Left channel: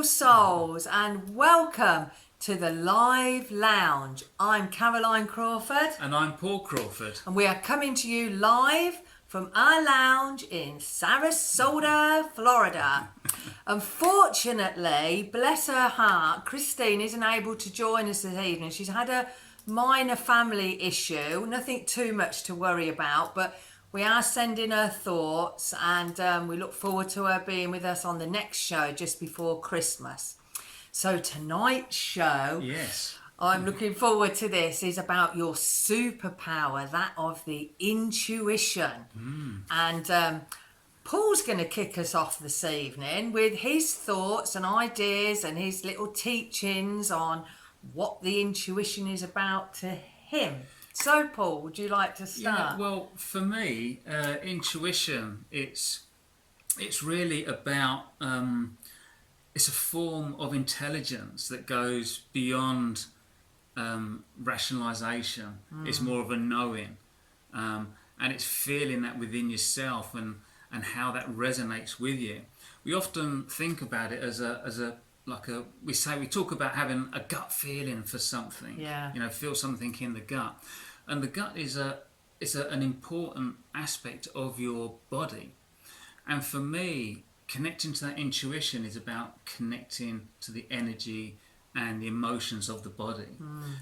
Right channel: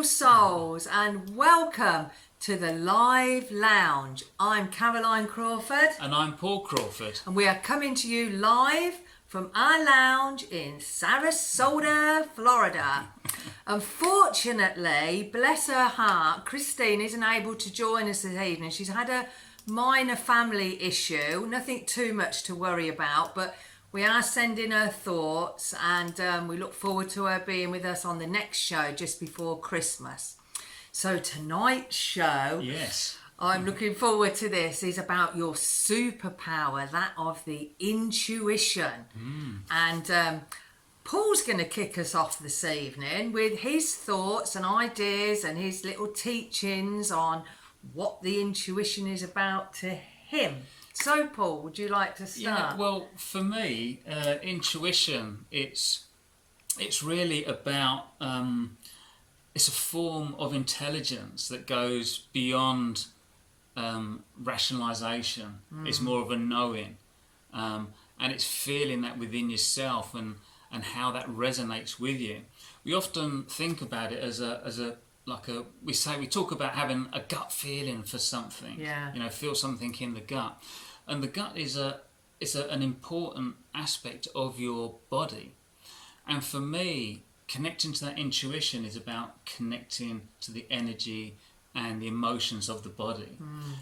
beautiful souls, and welcome to the Live Lounge. I'm Caroline Crawford. And I'm Paul Crawford. And we are coming to you live from our lounge in Sarasota, Florida. Unfortunately, bless her heart, Christina isn't able to join us this evening. She's had a minor family issue, nothing too much to worry about, but we are sending her thoughts, and we look forward to her being with us on the next show just before Christmas. So tonight's show, yes, I'm looking forward to this, is about your superpower, that of the intuition. And Paul's going to kick us off this evening with his thoughts and ideas and his little teachings on what the intuition is about to him. So, Paul, would you like to start? Yeah, well, for me, intuition, it's really about, it's a form of intelligence that goes beyond rationalisation. It's more of a knowing, and it's feeling that within yourself and how that resonates with you. We often think about it as we talk about having a gut feeling for something. Yeah. Feel something in the gut. And the gut is an important aspect of your body. And for me, connecting to that intuition is about connecting to the energy and the emotions of the body.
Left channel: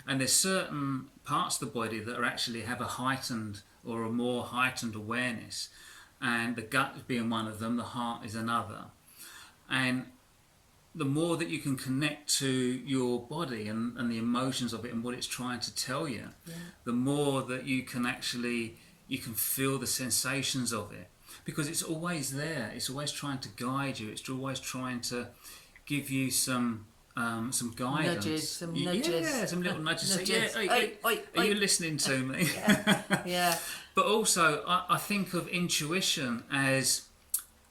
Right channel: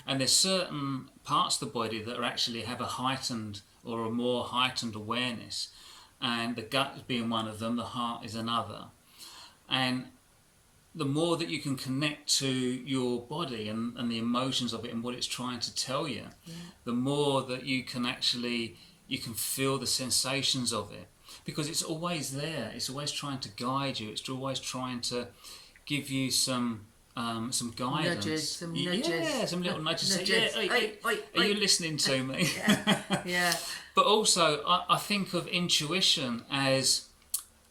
And there's certain parts of the body that actually have a heightened or a more heightened awareness. And the gut being one of them, the heart is another. And the more that you can connect to your body and the emotions of it and what it's trying to tell you, the more that you can feel the sensations of it, because it's always there. It's always trying to guide you. It's always trying to give you some guidance. Some nudges. Yeah, some little nudges. Nudges. Are you listening to me? Yeah. But also, I think of intuition as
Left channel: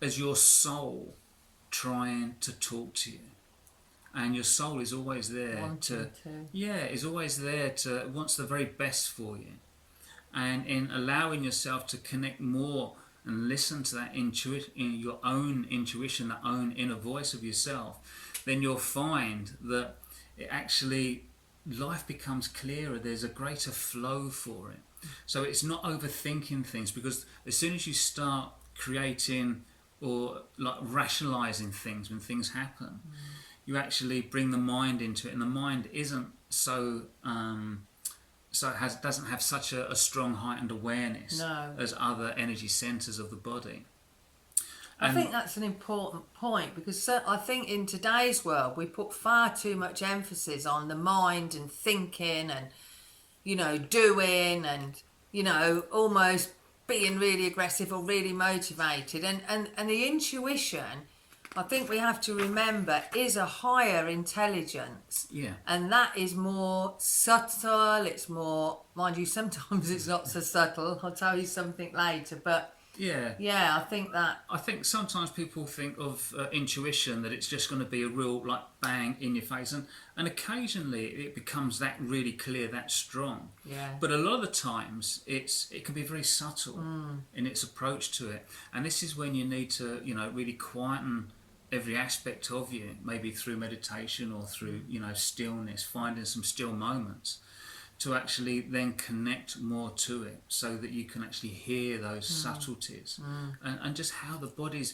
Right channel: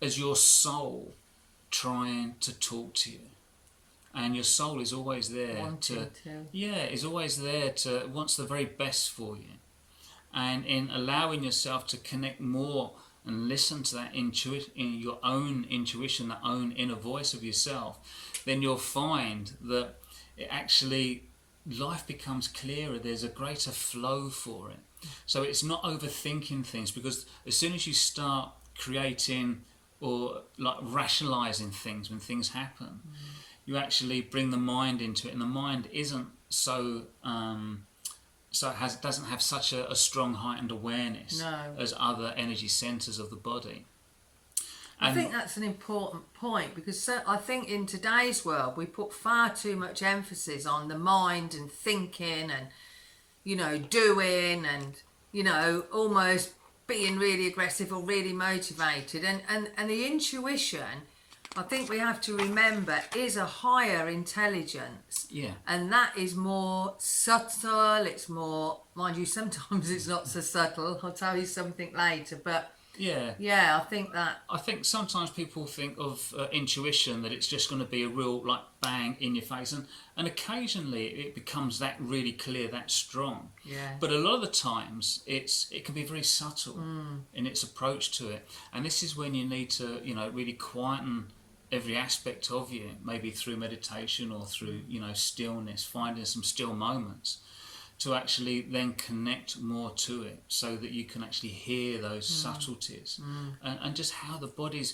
your soul trying to talk to you, and your soul is always there is always there to wants the very best for you. And in allowing yourself to connect more and listen to that your own intuition, that own inner voice of yourself, then you'll find that it actually, life becomes clearer. There's a greater flow for it. So it's not overthinking things, because as soon as you start creating or like rationalizing things when things happen, you actually bring the mind into it, and the mind isn't doesn't have such a strong heightened awareness as other energy centers of the body. I think that's an important point, because I think in today's world we put far too much emphasis on the mind and thinking and doing and almost being really aggressive or really motivated, and the intuition, I think we have to remember, is a higher intelligence. Yeah. And that is more subtle. It's more, mind you, sometimes it's not so subtle. I'll tell you something later, but I think sometimes people think of intuition that it's just going to be a real like bang in your face, and occasionally it becomes that really clear, that strong. Yeah. But a lot of the times it can be very subtle in its approach to it, and this is when you need to really quieten every aspect of you, maybe through meditation or through stillness, finding some still moments, to actually then connect more to it, so that you can actually hear those subtleties and just how the body's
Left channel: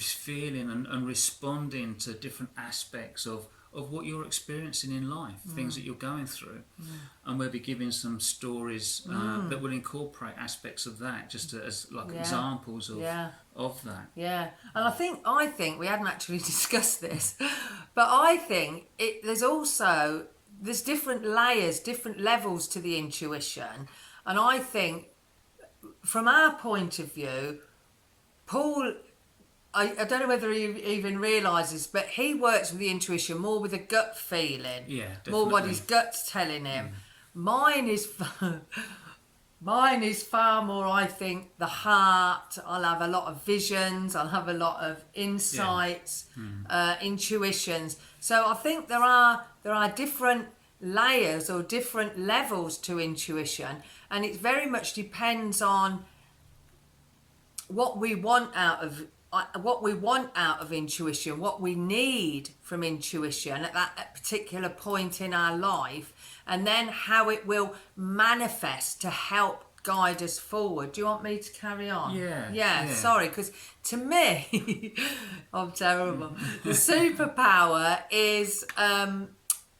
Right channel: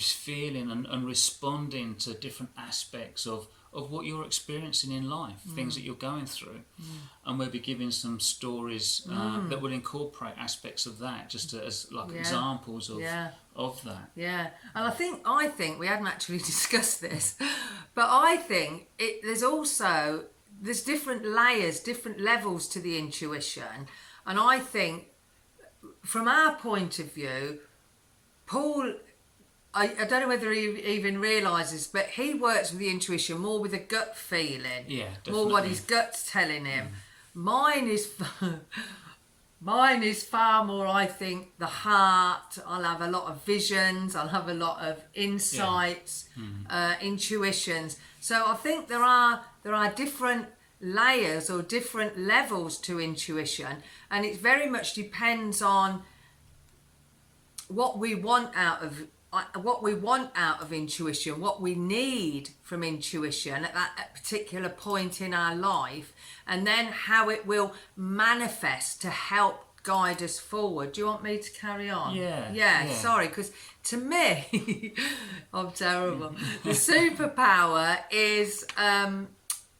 feeling and responding to different aspects of what you're experiencing in life, things that you're going through. And we'll be giving some stories that will incorporate aspects of that, just as examples of that. Yeah, and I think we hadn't actually discussed this, but I think there's different layers, different levels to the intuition. And I think from our point of view, Paul, I don't know whether he even realises, but he works with the intuition more with a gut feeling. Yeah, definitely. More what his gut's telling him. Mine is far more, I think, the heart. I'll have a lot of visions. I'll have a lot of insights, intuitions. So I think there are different layers or different levels to intuition, and it very much depends on what we want out of what we want out of intuition, what we need from intuition at that particular point in our life, and then how it will manifest to help guide us forward. Do you want me to carry on? Yeah. Sorry, because to me, I'm terrible. The superpower is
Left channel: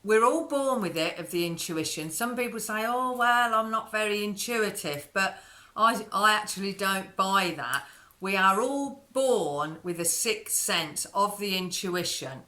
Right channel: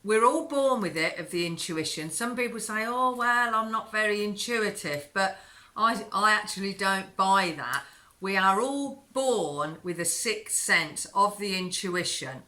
we're all born with it, of the intuition. Some people say, oh, well, I'm not very intuitive, but I actually don't buy that. We are all born with a sixth sense of the intuition.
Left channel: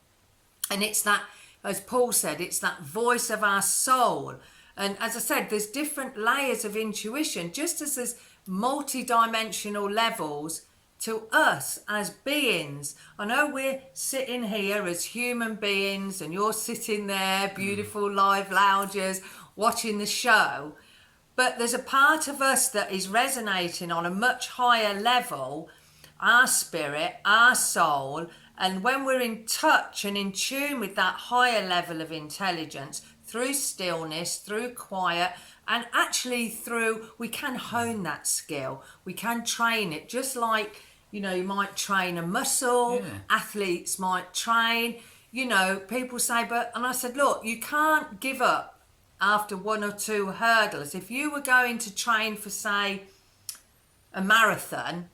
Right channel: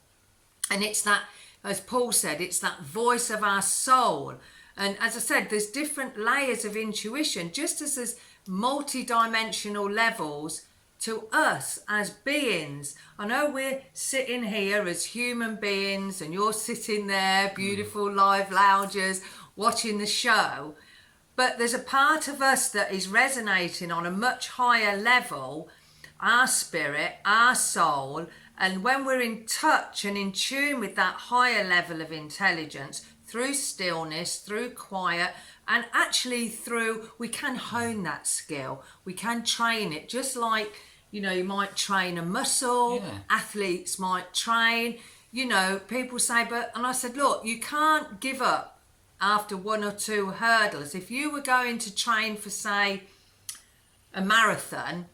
And it's that, as Paul said, it's that voice of our soul. And as I said, there's different layers of intuition, just as there's multi-dimensional levels to us as beings. I know we're sitting here as human beings and you're sitting there, beautiful live loungers, watching the show. But there's a part of us that is resonating on a much higher level, our spirit, our soul. And when we're in touch and in tune with that higher level of intelligence, through stillness, through quiet, and actually we can hone that skill. We can train it, just like, you might train a muscle, athletes might train, people say, and I said, look, you can't give up after one or two hurdles. If you were going to train for, say, a marathon,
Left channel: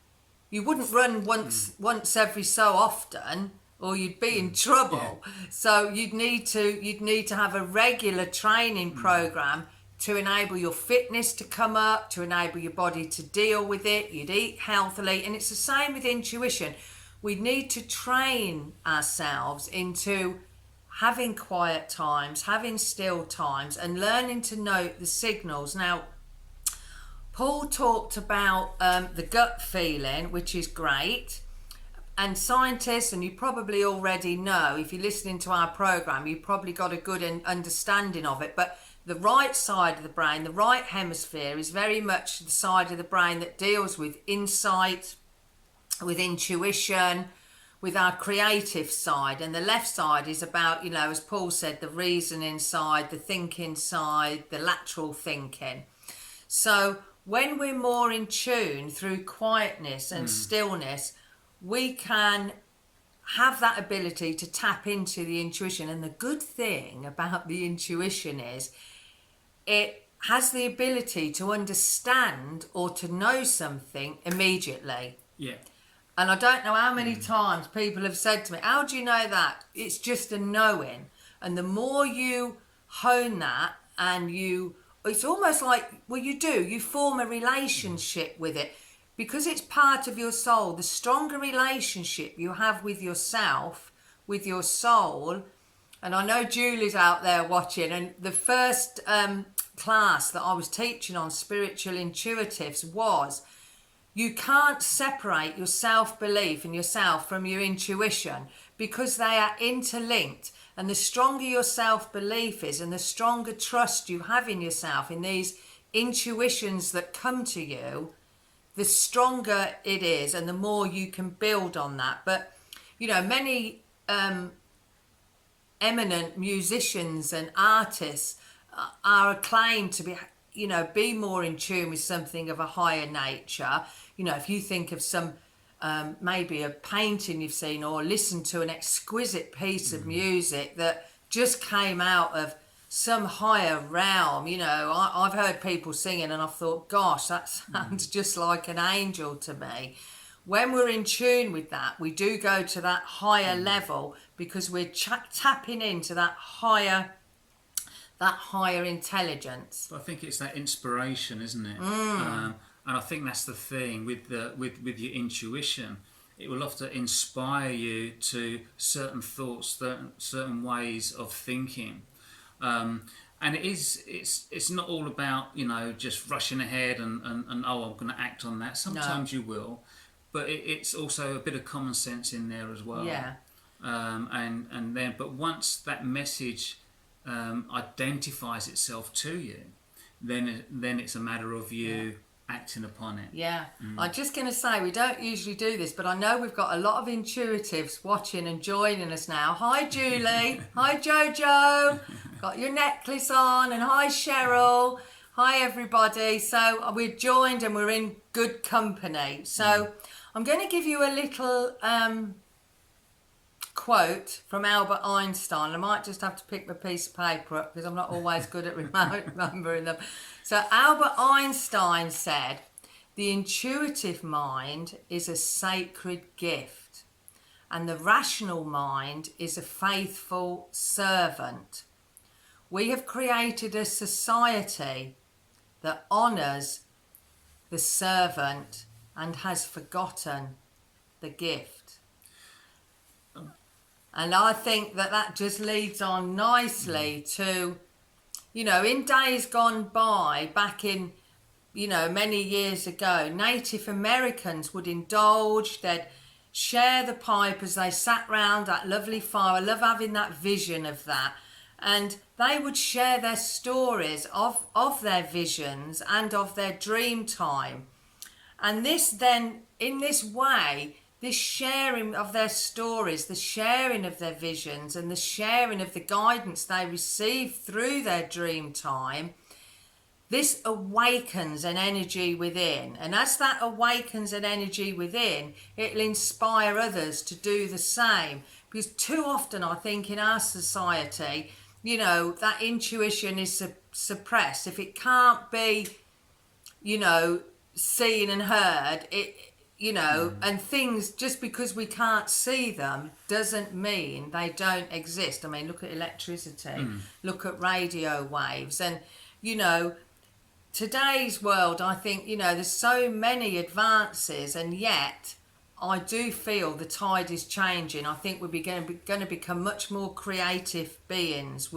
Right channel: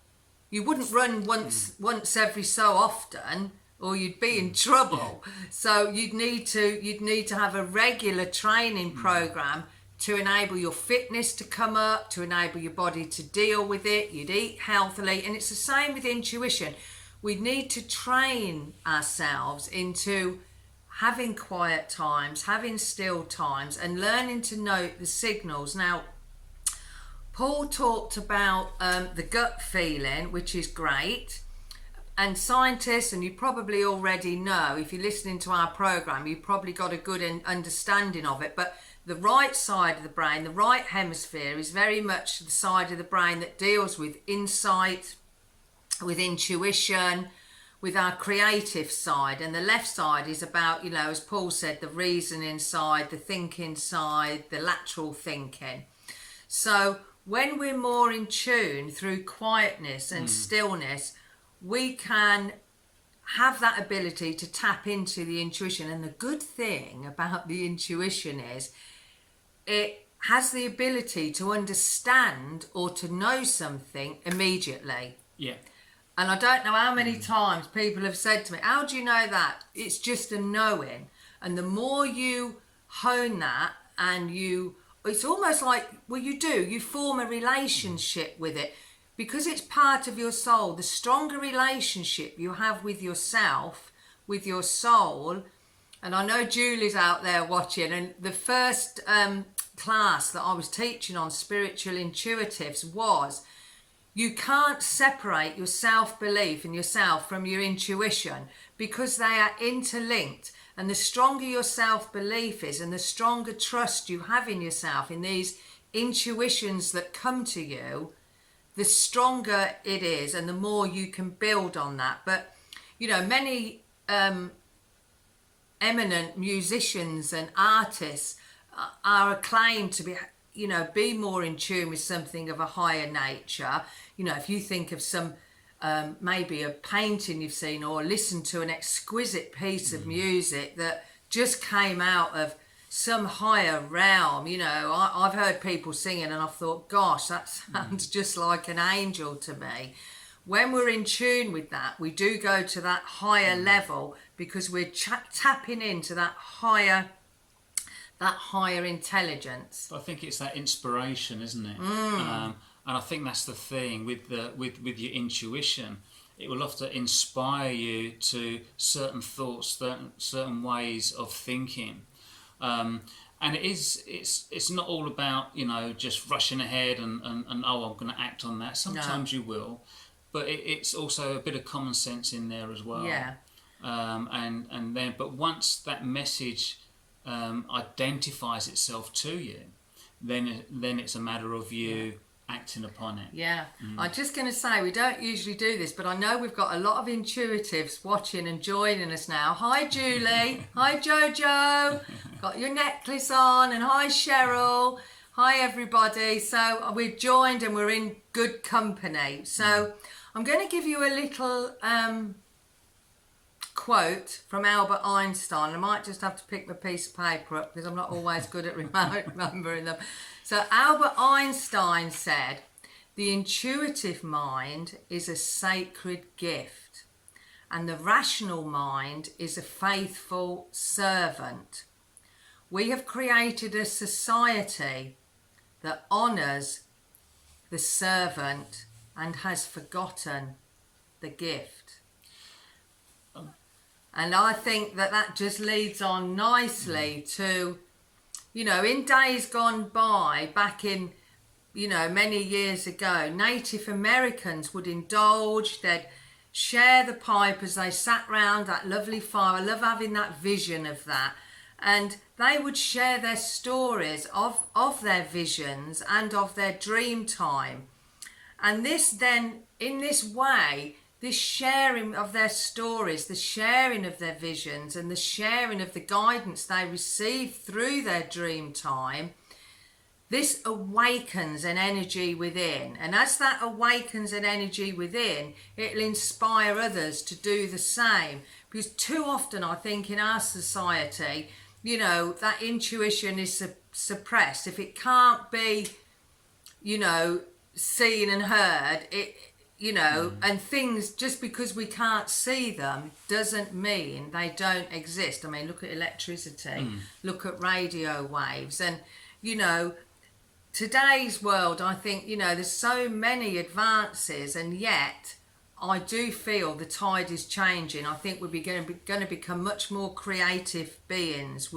you wouldn't run once every so often, or you'd be in trouble. So you'd need to have a regular training program to enable your fitness to come up, to enable your body to deal with it. You'd eat healthily, and it's the same with intuition. We need to train ourselves into having quiet times, having still times, and learning to note the signals. Now, Paul talked about the gut feeling, which is great. And scientists, and you probably already know, if you're listening to our program, you've probably got a good understanding of it. But the right side of the brain, the right hemisphere, is very much the side of the brain that deals with insight, with intuition, with our creative side. And the left side is about, as Paul said, the reasoning side, the thinking side, the lateral thinking. So when we're more in tune through quietness and stillness, we can have that ability to tap into the intuition. And the good thing about the intuition is it has the ability to understand or to know something immediately. Yeah. And I don't know how many times people have said to me, how do you know that? It's just a knowing. And the more you hone that, and it's almost like, you form a relationship with it. Because it's part of your soul, the stronger relationship you have with yourself, with your soul. And I know Julie's out there watching, and the first class that I was teaching on spiritual intuitives was, you can't separate your self-belief in yourself from your intuition, because they are interlinked. And the stronger your self-belief is, and the stronger trust you have in yourself, in these intuitions that come to you, the stronger it is, and the more you can build on that. But, many eminent musicians and artists are acclaimed to be more in tune with something of a higher nature. If you think of some, maybe a painting you've seen, or listened to an exquisite piece of music that just came out of some higher realm. I've heard people singing and I've thought, gosh, that sounds just like an angel to me. When we're in tune with that, we do go to that higher level, because we're tapping into that higher intelligence. I think it's that inspiration, isn't it? And I think that's the thing with your intuition. It will often inspire you to certain thoughts, certain ways of thinking. And it's not all about, just rushing ahead and I'm going to act on that. Sometimes you will, but it's also a bit of common sense in there as well. Yeah. But once that message identifies itself to you, then it's a matter of you acting upon it. Yeah. I'm just going to say, we don't usually do this, but I know we've got a lot of intuitives watching and joining us now. Hi, Julie. Hi, Jojo. Got your necklace on. And hi, Cheryl. Hi, everybody. So we're joined and we're in good company. So I'm going to give you a little quote from Albert Einstein. I might just have to pick my piece of paper up because I'm not always good at remembering them. So Albert Einstein said, "The intuitive mind is a sacred gift, and the rational mind is a faithful servant. We have created a society that honours the servant and has forgotten the gift." And I think that just leads on nicely to, in days gone by, back in, many years ago, Native Americans would indulge, they'd share the pipe as they sat round that lovely fire. I love having that vision of that. And they would share their stories of their visions and of their dream time. And this then, in this way, this sharing of their stories, the sharing of their visions and the sharing of the guidance they receive through their dream time, this awakens an energy within. And as that awakens an energy within, it'll inspire others to do the same. Because too often, I think, in our society, that intuition is suppressed. If it can't be, seen and heard, and things, just because we can't see them doesn't mean they don't exist. I mean, look at electricity, look at radio waves, and today's world, I think, there's so many advances, and yet I do feel the tide is changing. I think we're going to become much more creative beings.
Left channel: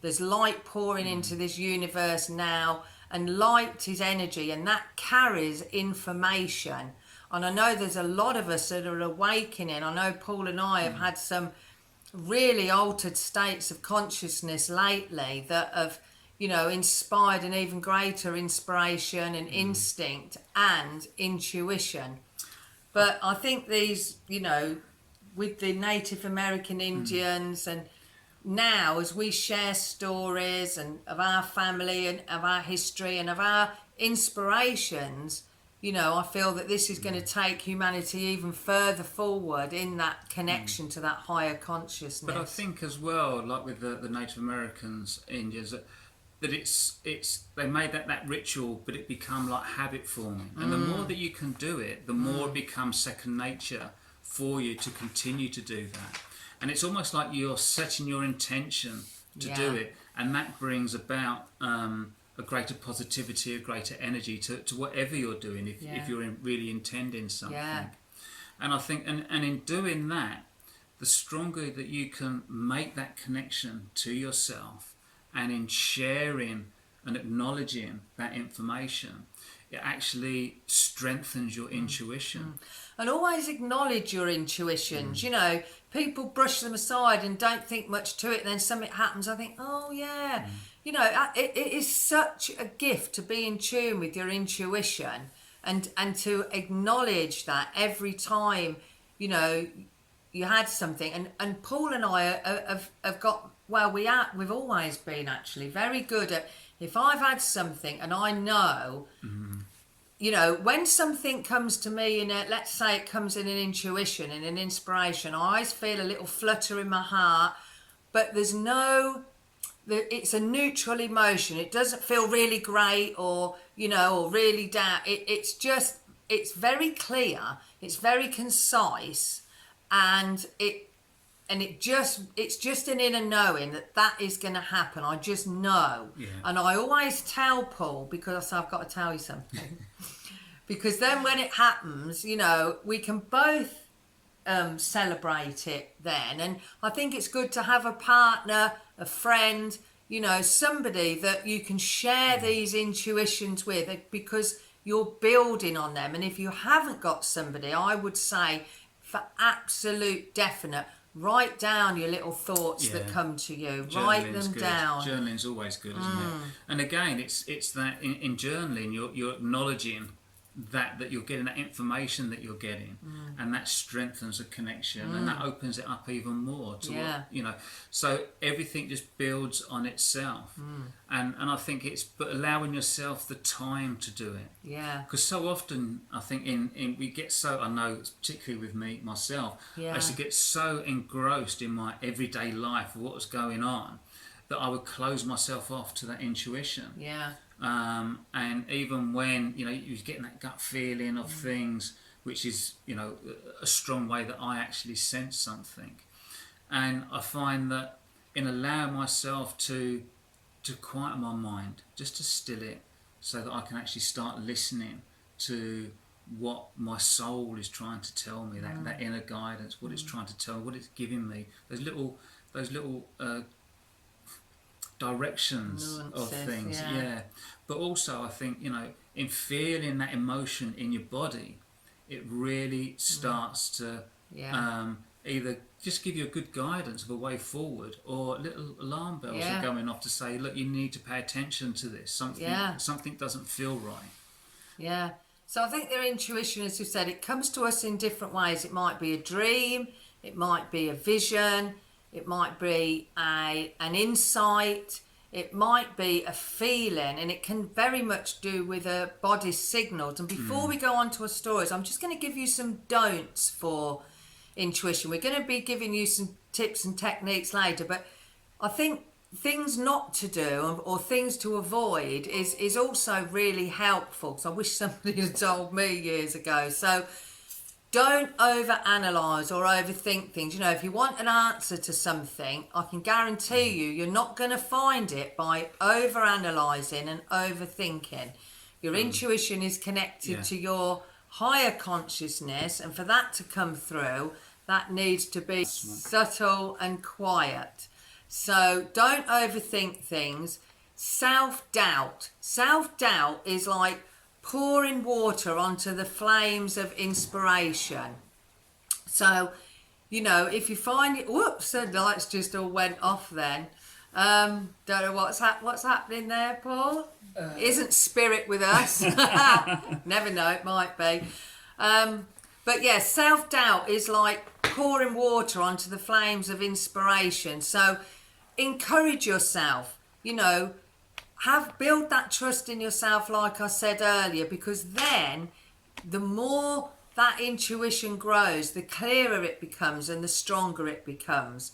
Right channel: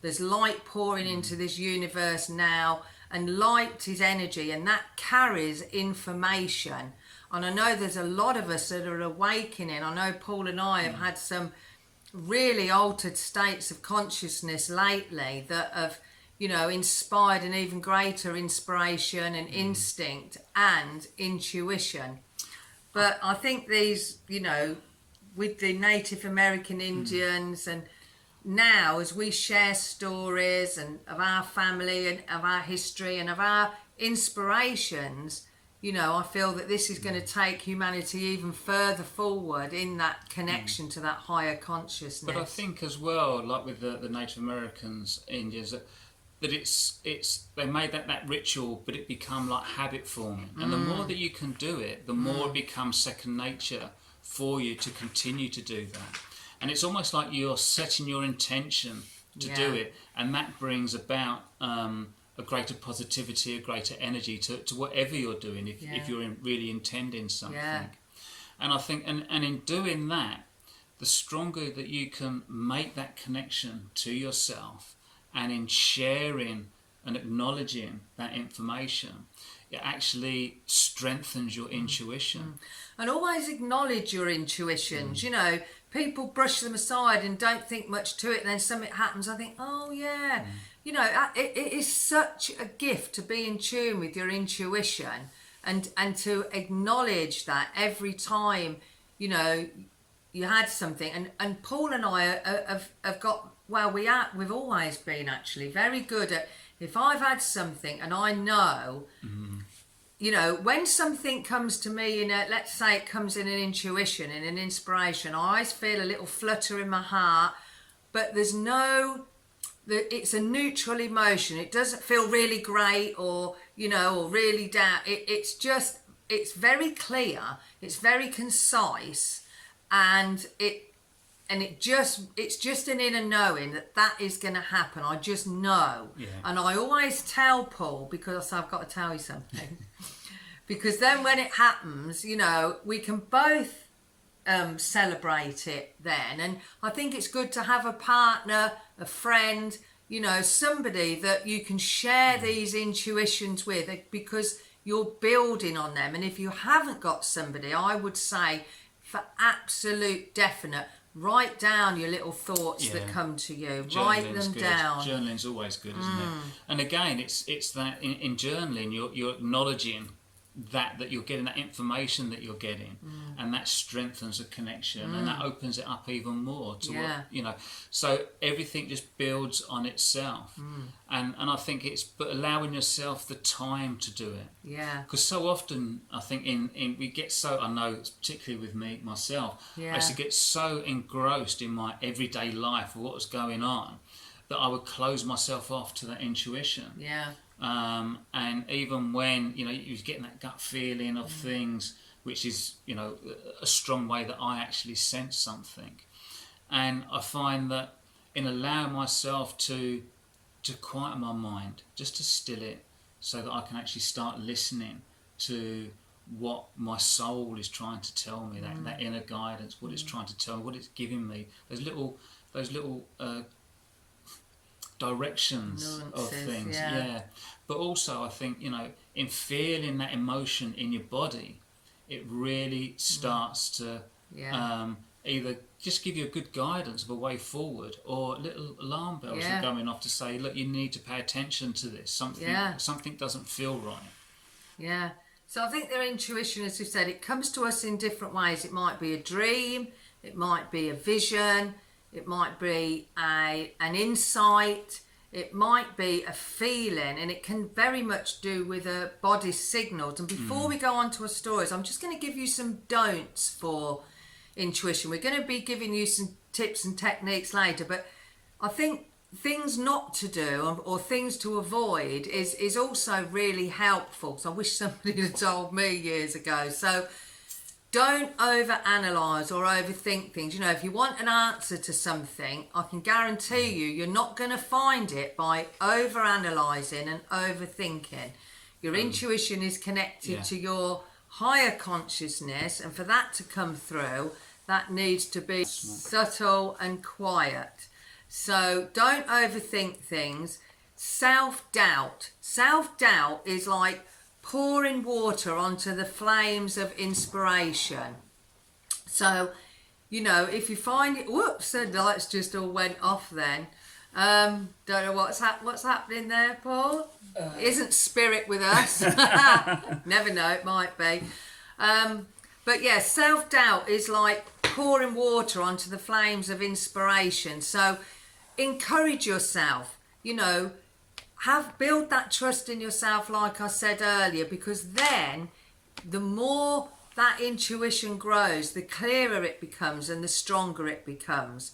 There's light pouring into this universe now, and light is energy, and that carries information. And I know there's a lot of us that are awakening. I know Paul and I have had some really altered states of consciousness lately that have, inspired an even greater inspiration and instinct and intuition. But I think these, with the Native American Indians, and now as we share stories and of our family and of our history and of our inspirations, I feel that this is going to take humanity even further forward in that connection to that higher consciousness. But I think as well, like with the Native Americans, Indians, that it's they made that ritual, but it become like habit forming. And the more that you can do it, the more it becomes second nature for you to continue to do that. And it's almost like you're setting your intention to do it, and that brings about a greater positivity, a greater energy to whatever you're doing, if you're really intending something. And I think, and in doing that, the stronger that you can make that connection to yourself, and in sharing and acknowledging that information, it actually strengthens your intuition. And always acknowledge your intuitions. People brush them aside and don't think much to it, and then something happens, I think, oh yeah. It is such a gift to be in tune with your intuition and to acknowledge that every time, you had something. And Paul and I have got, we've always been actually very good at, if I've had something and I know, when something comes to me let's say it comes in an intuition, in an inspiration, I always feel a little flutter in my heart, but it's a neutral emotion. It doesn't feel really great or really down. It's very clear, it's very concise, and it's just an inner knowing that is going to happen. I just know. And I always tell Paul, because I've got to tell you something, because then when it happens, we can both celebrate it then. And I think it's good to have a partner, a friend, somebody that you can share these intuitions with, because you're building on them. And if you haven't got somebody, I would say, for absolute definite, write down your little thoughts that come to you. Write them down. Journaling's always good, isn't it? And again, it's that in journaling, you're acknowledging that you're getting, that information that you're getting, and that strengthens the connection, and that opens it up even more to what, so everything just builds on itself. And I think it's but allowing yourself the time to do it, because so often I think in we get so, I know particularly with myself, I used to get so engrossed in my everyday life of what was going on that I would close myself off to that intuition. And even when you're getting that gut feeling of things, which is a strong way that I actually sense something, and I find that in allowing myself to quieten my mind, just to still it, so that I can actually start listening to what my soul is trying to tell me, that inner guidance, what it's trying to tell me, what it's giving me, those little directions of things, But also, I think in feeling that emotion in your body, it really starts to either just give you a good guidance of a way forward, or little alarm bells are going off to say, look, you need to pay attention to this. Something doesn't feel right. So I think their intuition, as you said, it comes to us in different ways. It might be a dream, it might be a vision, it might be an insight, it might be a feeling, and it can very much do with a body's signals. And before we go on to our stories, I'm just going to give you some don'ts for intuition. We're going to be giving you some tips and techniques later, but I think things not to do or things to avoid is also really helpful. So I wish somebody had told me years ago. So don't overanalyze or overthink things. If you want an answer to something, I can guarantee you're not going to find it by overanalyzing and overthinking. Your intuition is connected to your higher consciousness, and for that to come through, that needs to be subtle and quiet. So don't overthink things. Self-doubt. Self-doubt is like pouring water onto the flames of inspiration. So, if you find it, whoops, the lights just all went off then. Don't know what's happening there, Paul. Isn't spirit with us? Never know, it might be. But yeah, self-doubt is like pouring water onto the flames of inspiration. So encourage yourself, build that trust in yourself, like I said earlier, because then the more that intuition grows, the clearer it becomes and the stronger it becomes.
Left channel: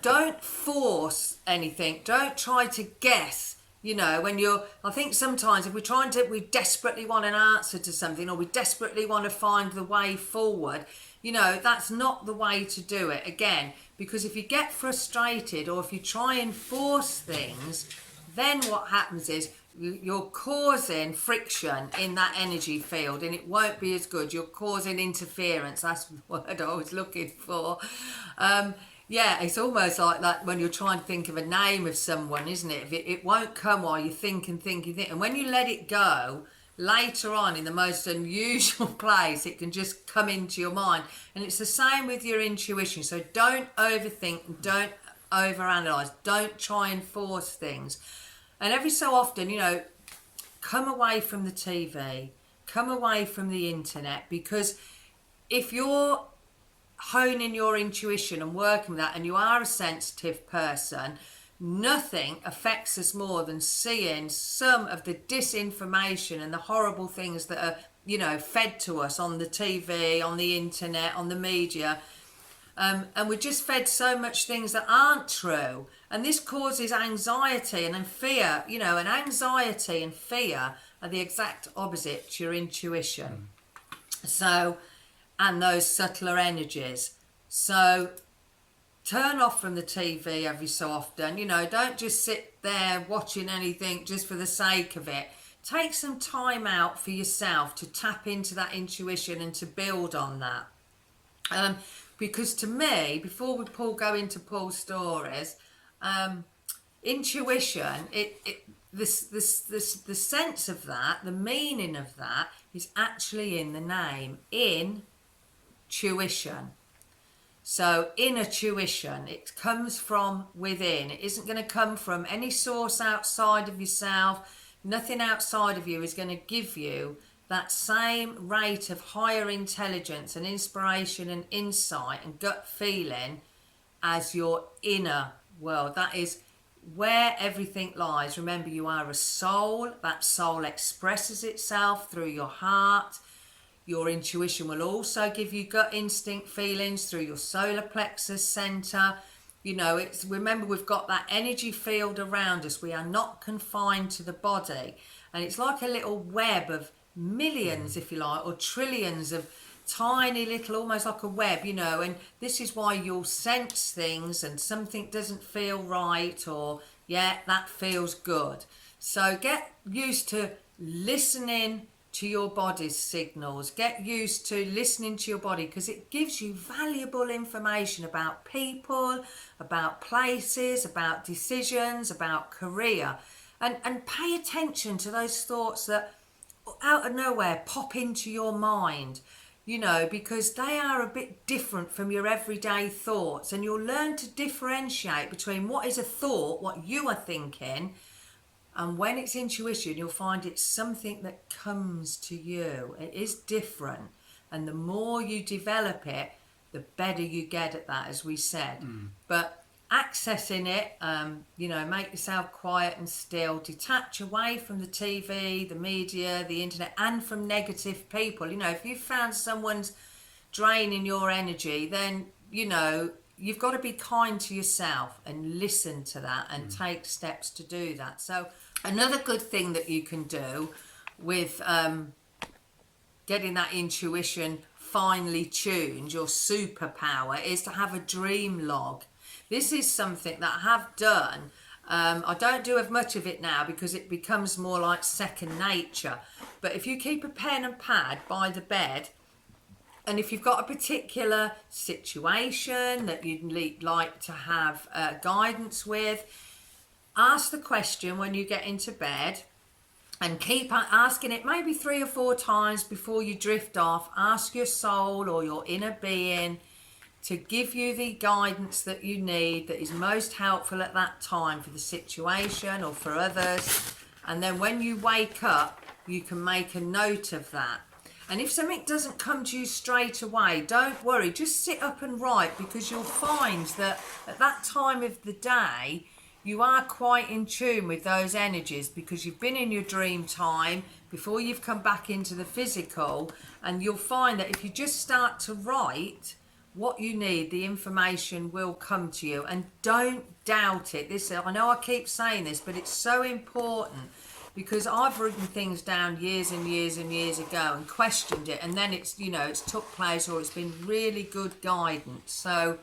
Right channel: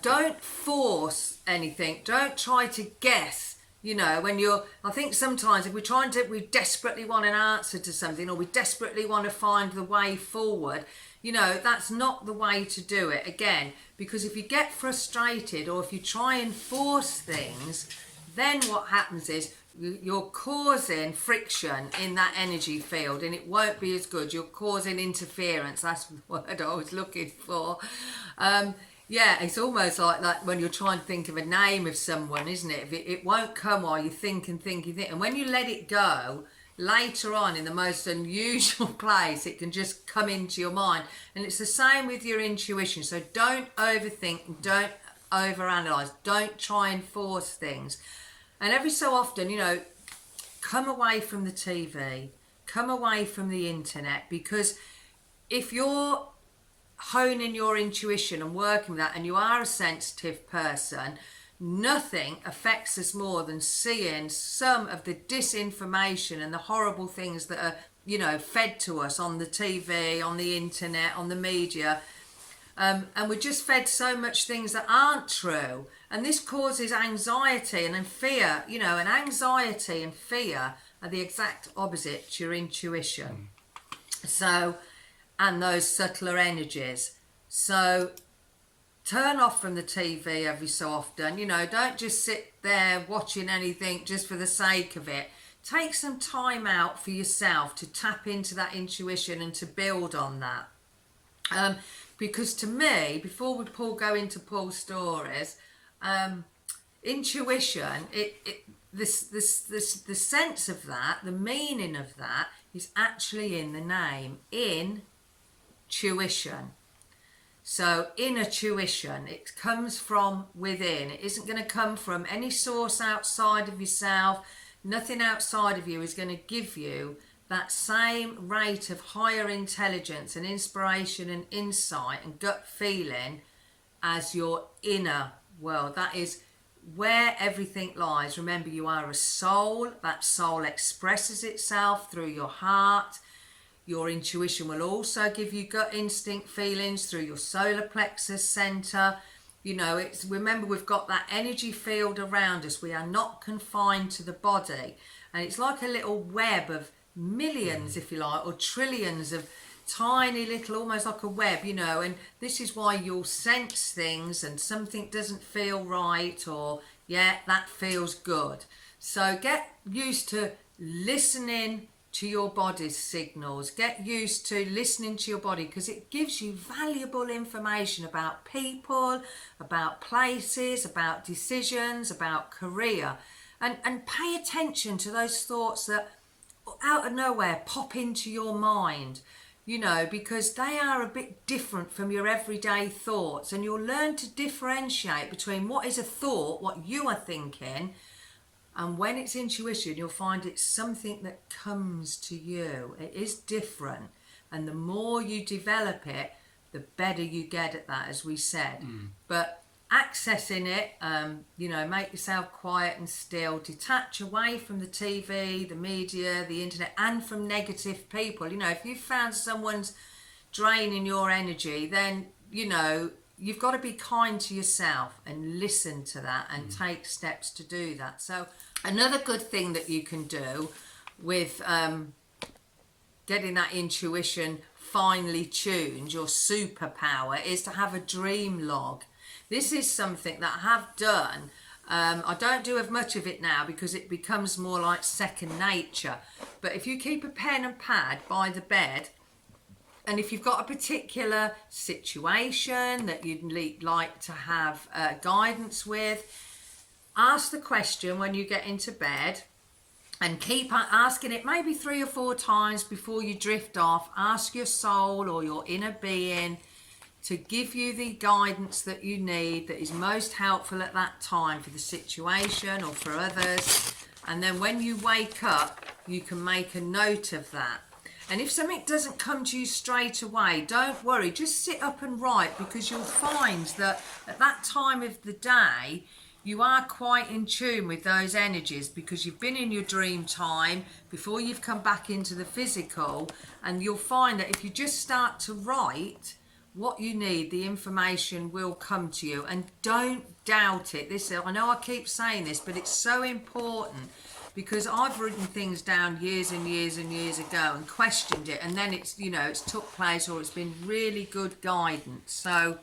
Don't force anything. Don't try to guess. I think sometimes if we desperately want an answer to something, or we desperately want to find the way forward, that's not the way to do it. Again, because if you get frustrated or if you try and force things, then what happens is you're causing friction in that energy field, and it won't be as good. You're causing interference. That's the word I was looking for. It's almost like when you're trying to think of a name of someone, isn't it? It won't come while you think. And when you let it go, later on in the most unusual place, it can just come into your mind. And it's the same with your intuition. So don't overthink and don't overanalyze. Don't try and force things. And every so often, come away from the TV, come away from the internet, because if you're honing your intuition and working with that, and you are a sensitive person, nothing affects us more than seeing some of the disinformation and the horrible things that are, fed to us on the TV, on the internet, on the media. And we're just fed so much things that aren't true. And this causes anxiety and then fear, and anxiety and fear are the exact opposite to your intuition. So, and those subtler energies. So turn off from the TV every so often. Don't just sit there watching anything just for the sake of it. Take some time out for yourself to tap into that intuition and to build on that. Because to me, before we go into Paul's stories, intuition, the sense of that, the meaning of that is actually in the name, intuition. So inner tuition, it comes from within. It isn't going to come from any source outside of yourself. Nothing outside of you is going to give you that same rate of higher intelligence and inspiration and insight and gut feeling as your inner world. That is where everything lies. Remember, you are a soul. That soul expresses itself through your heart. Your intuition will also give you gut instinct feelings through your solar plexus center. Remember, we've got that energy field around us. We are not confined to the body. And it's like a little web of millions, if you like, or trillions of tiny little, almost like a web, and this is why you'll sense things and something doesn't feel right, or that feels good. So get used to listening to your body's signals. Get used to listening to your body, because it gives you valuable information about people, about places, about decisions, about career, and pay attention to those thoughts that out of nowhere pop into your mind, because they are a bit different from your everyday thoughts, and you'll learn to differentiate between what is a thought, what you are thinking, and when it's intuition, you'll find it's something that comes to you. It is different, and the more you develop it, the better you get at that, as we said. But accessing it, make yourself quiet and still, detach away from the TV, the media, the internet, and from negative people. If you found someone's draining your energy, then you've got to be kind to yourself and listen to that and take steps to do that. So another good thing that you can do with getting that intuition finely tuned, your superpower, is to have a dream log. This is something that I have done. I don't do as much of it now because it becomes more like second nature. But if you keep a pen and pad by the bed, and if you've got a particular situation that you'd like to have guidance with, ask the question when you get into bed, and keep asking it maybe 3 or 4 times before you drift off. Ask your soul or your inner being to give you the guidance that you need, that is most helpful at that time for the situation or for others. And then when you wake up, you can make a note of that. And if something doesn't come to you straight away, don't worry, just sit up and write, because you'll find that at that time of the day, you are quite in tune with those energies, because you've been in your dream time before you've come back into the physical. And you'll find that if you just start to write what you need, the information will come to you. And don't doubt it. I know I keep saying this, but it's so important, because I've written things down years and years and years ago and questioned it, and then it's took place, or it's been really good guidance. So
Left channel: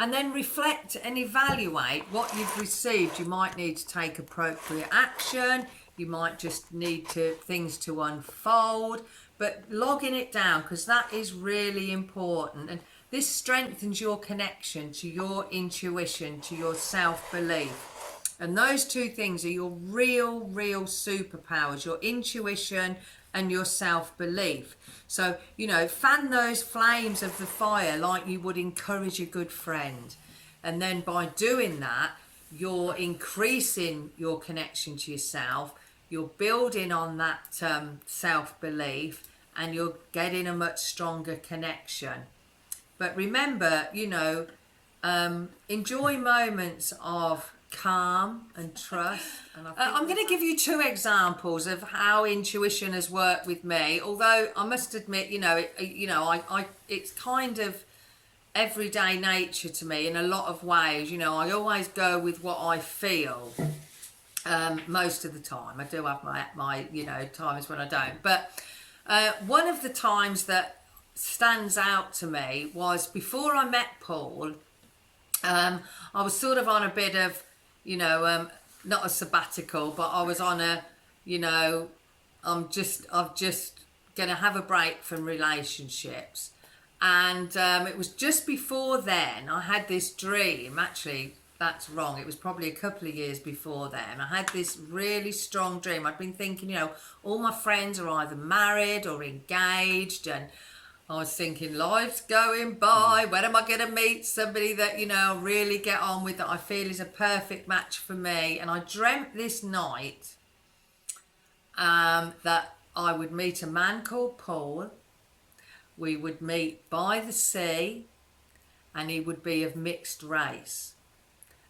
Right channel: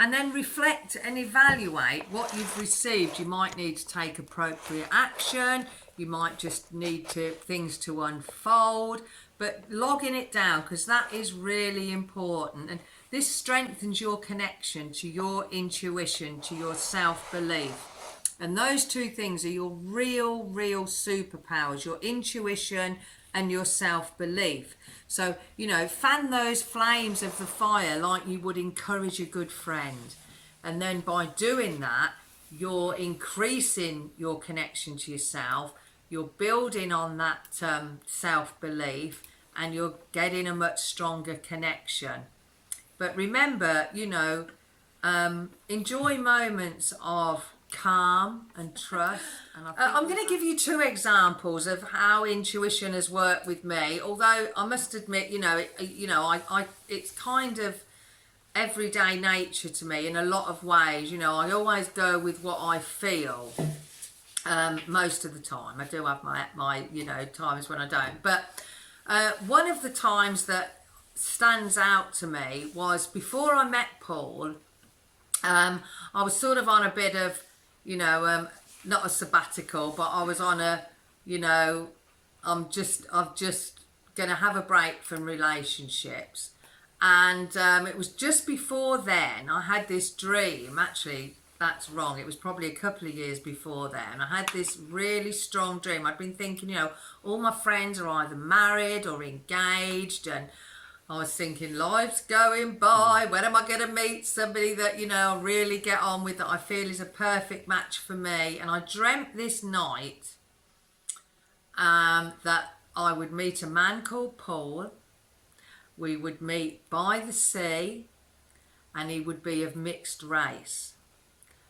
and then reflect and evaluate what you've received. You might need to take appropriate action. You might just need things to unfold. But logging it down, because that is really important. And this strengthens your connection to your intuition, to your self-belief. And those two things are your real superpowers, your intuition and your self-belief. So, fan those flames of the fire like you would encourage a good friend. And then by doing that, you're increasing your connection to yourself, you're building on that self-belief, and you're getting a much stronger connection. But remember, enjoy moments of calm and trust. And I'm going to give you 2 examples of how intuition has worked with me. Although I must admit, it's kind of everyday nature to me in a lot of ways. I always go with what I feel most of the time. I do have my times when I don't. But one of the times that stands out to me was before I met Paul. I was sort of on a bit of not a sabbatical, but I was on a, I'm just going to have a break from relationships. And it was just before then I had this dream. Actually, that's wrong. It was probably a couple of years before then. I had this really strong dream. I'd been thinking, all my friends are either married or engaged, and I was thinking, life's going by. When am I going to meet somebody that, I really get on with, that I feel is a perfect match for me? And I dreamt this night, that I would meet a man called Paul. We would meet by the sea, and he would be of mixed race.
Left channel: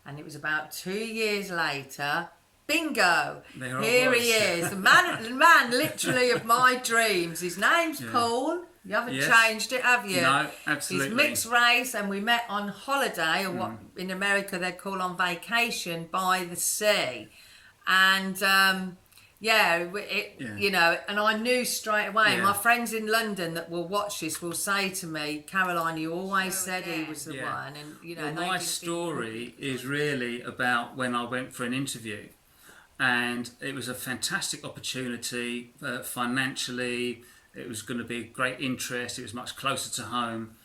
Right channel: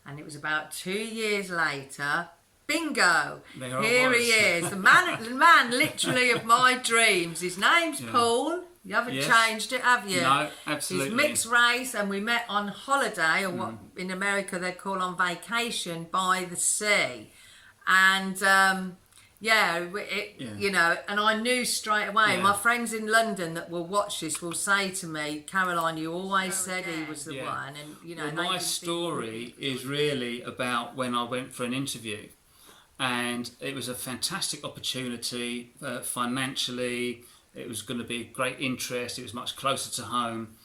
And it was about 2 years later, bingo, here he is, the man literally of my dreams. His name's Paul. You haven't changed it, have you? No, absolutely. He's mixed race, and we met on holiday, or what in America they call on vacation, by the sea. And you know, and I knew straight away. My friends in London that will watch this will say to me, Caroline, you always said he was the one. And you know, well, my story is really about when I went for an interview, and it was a fantastic opportunity financially. It was going to be great interest. It was much closer to home,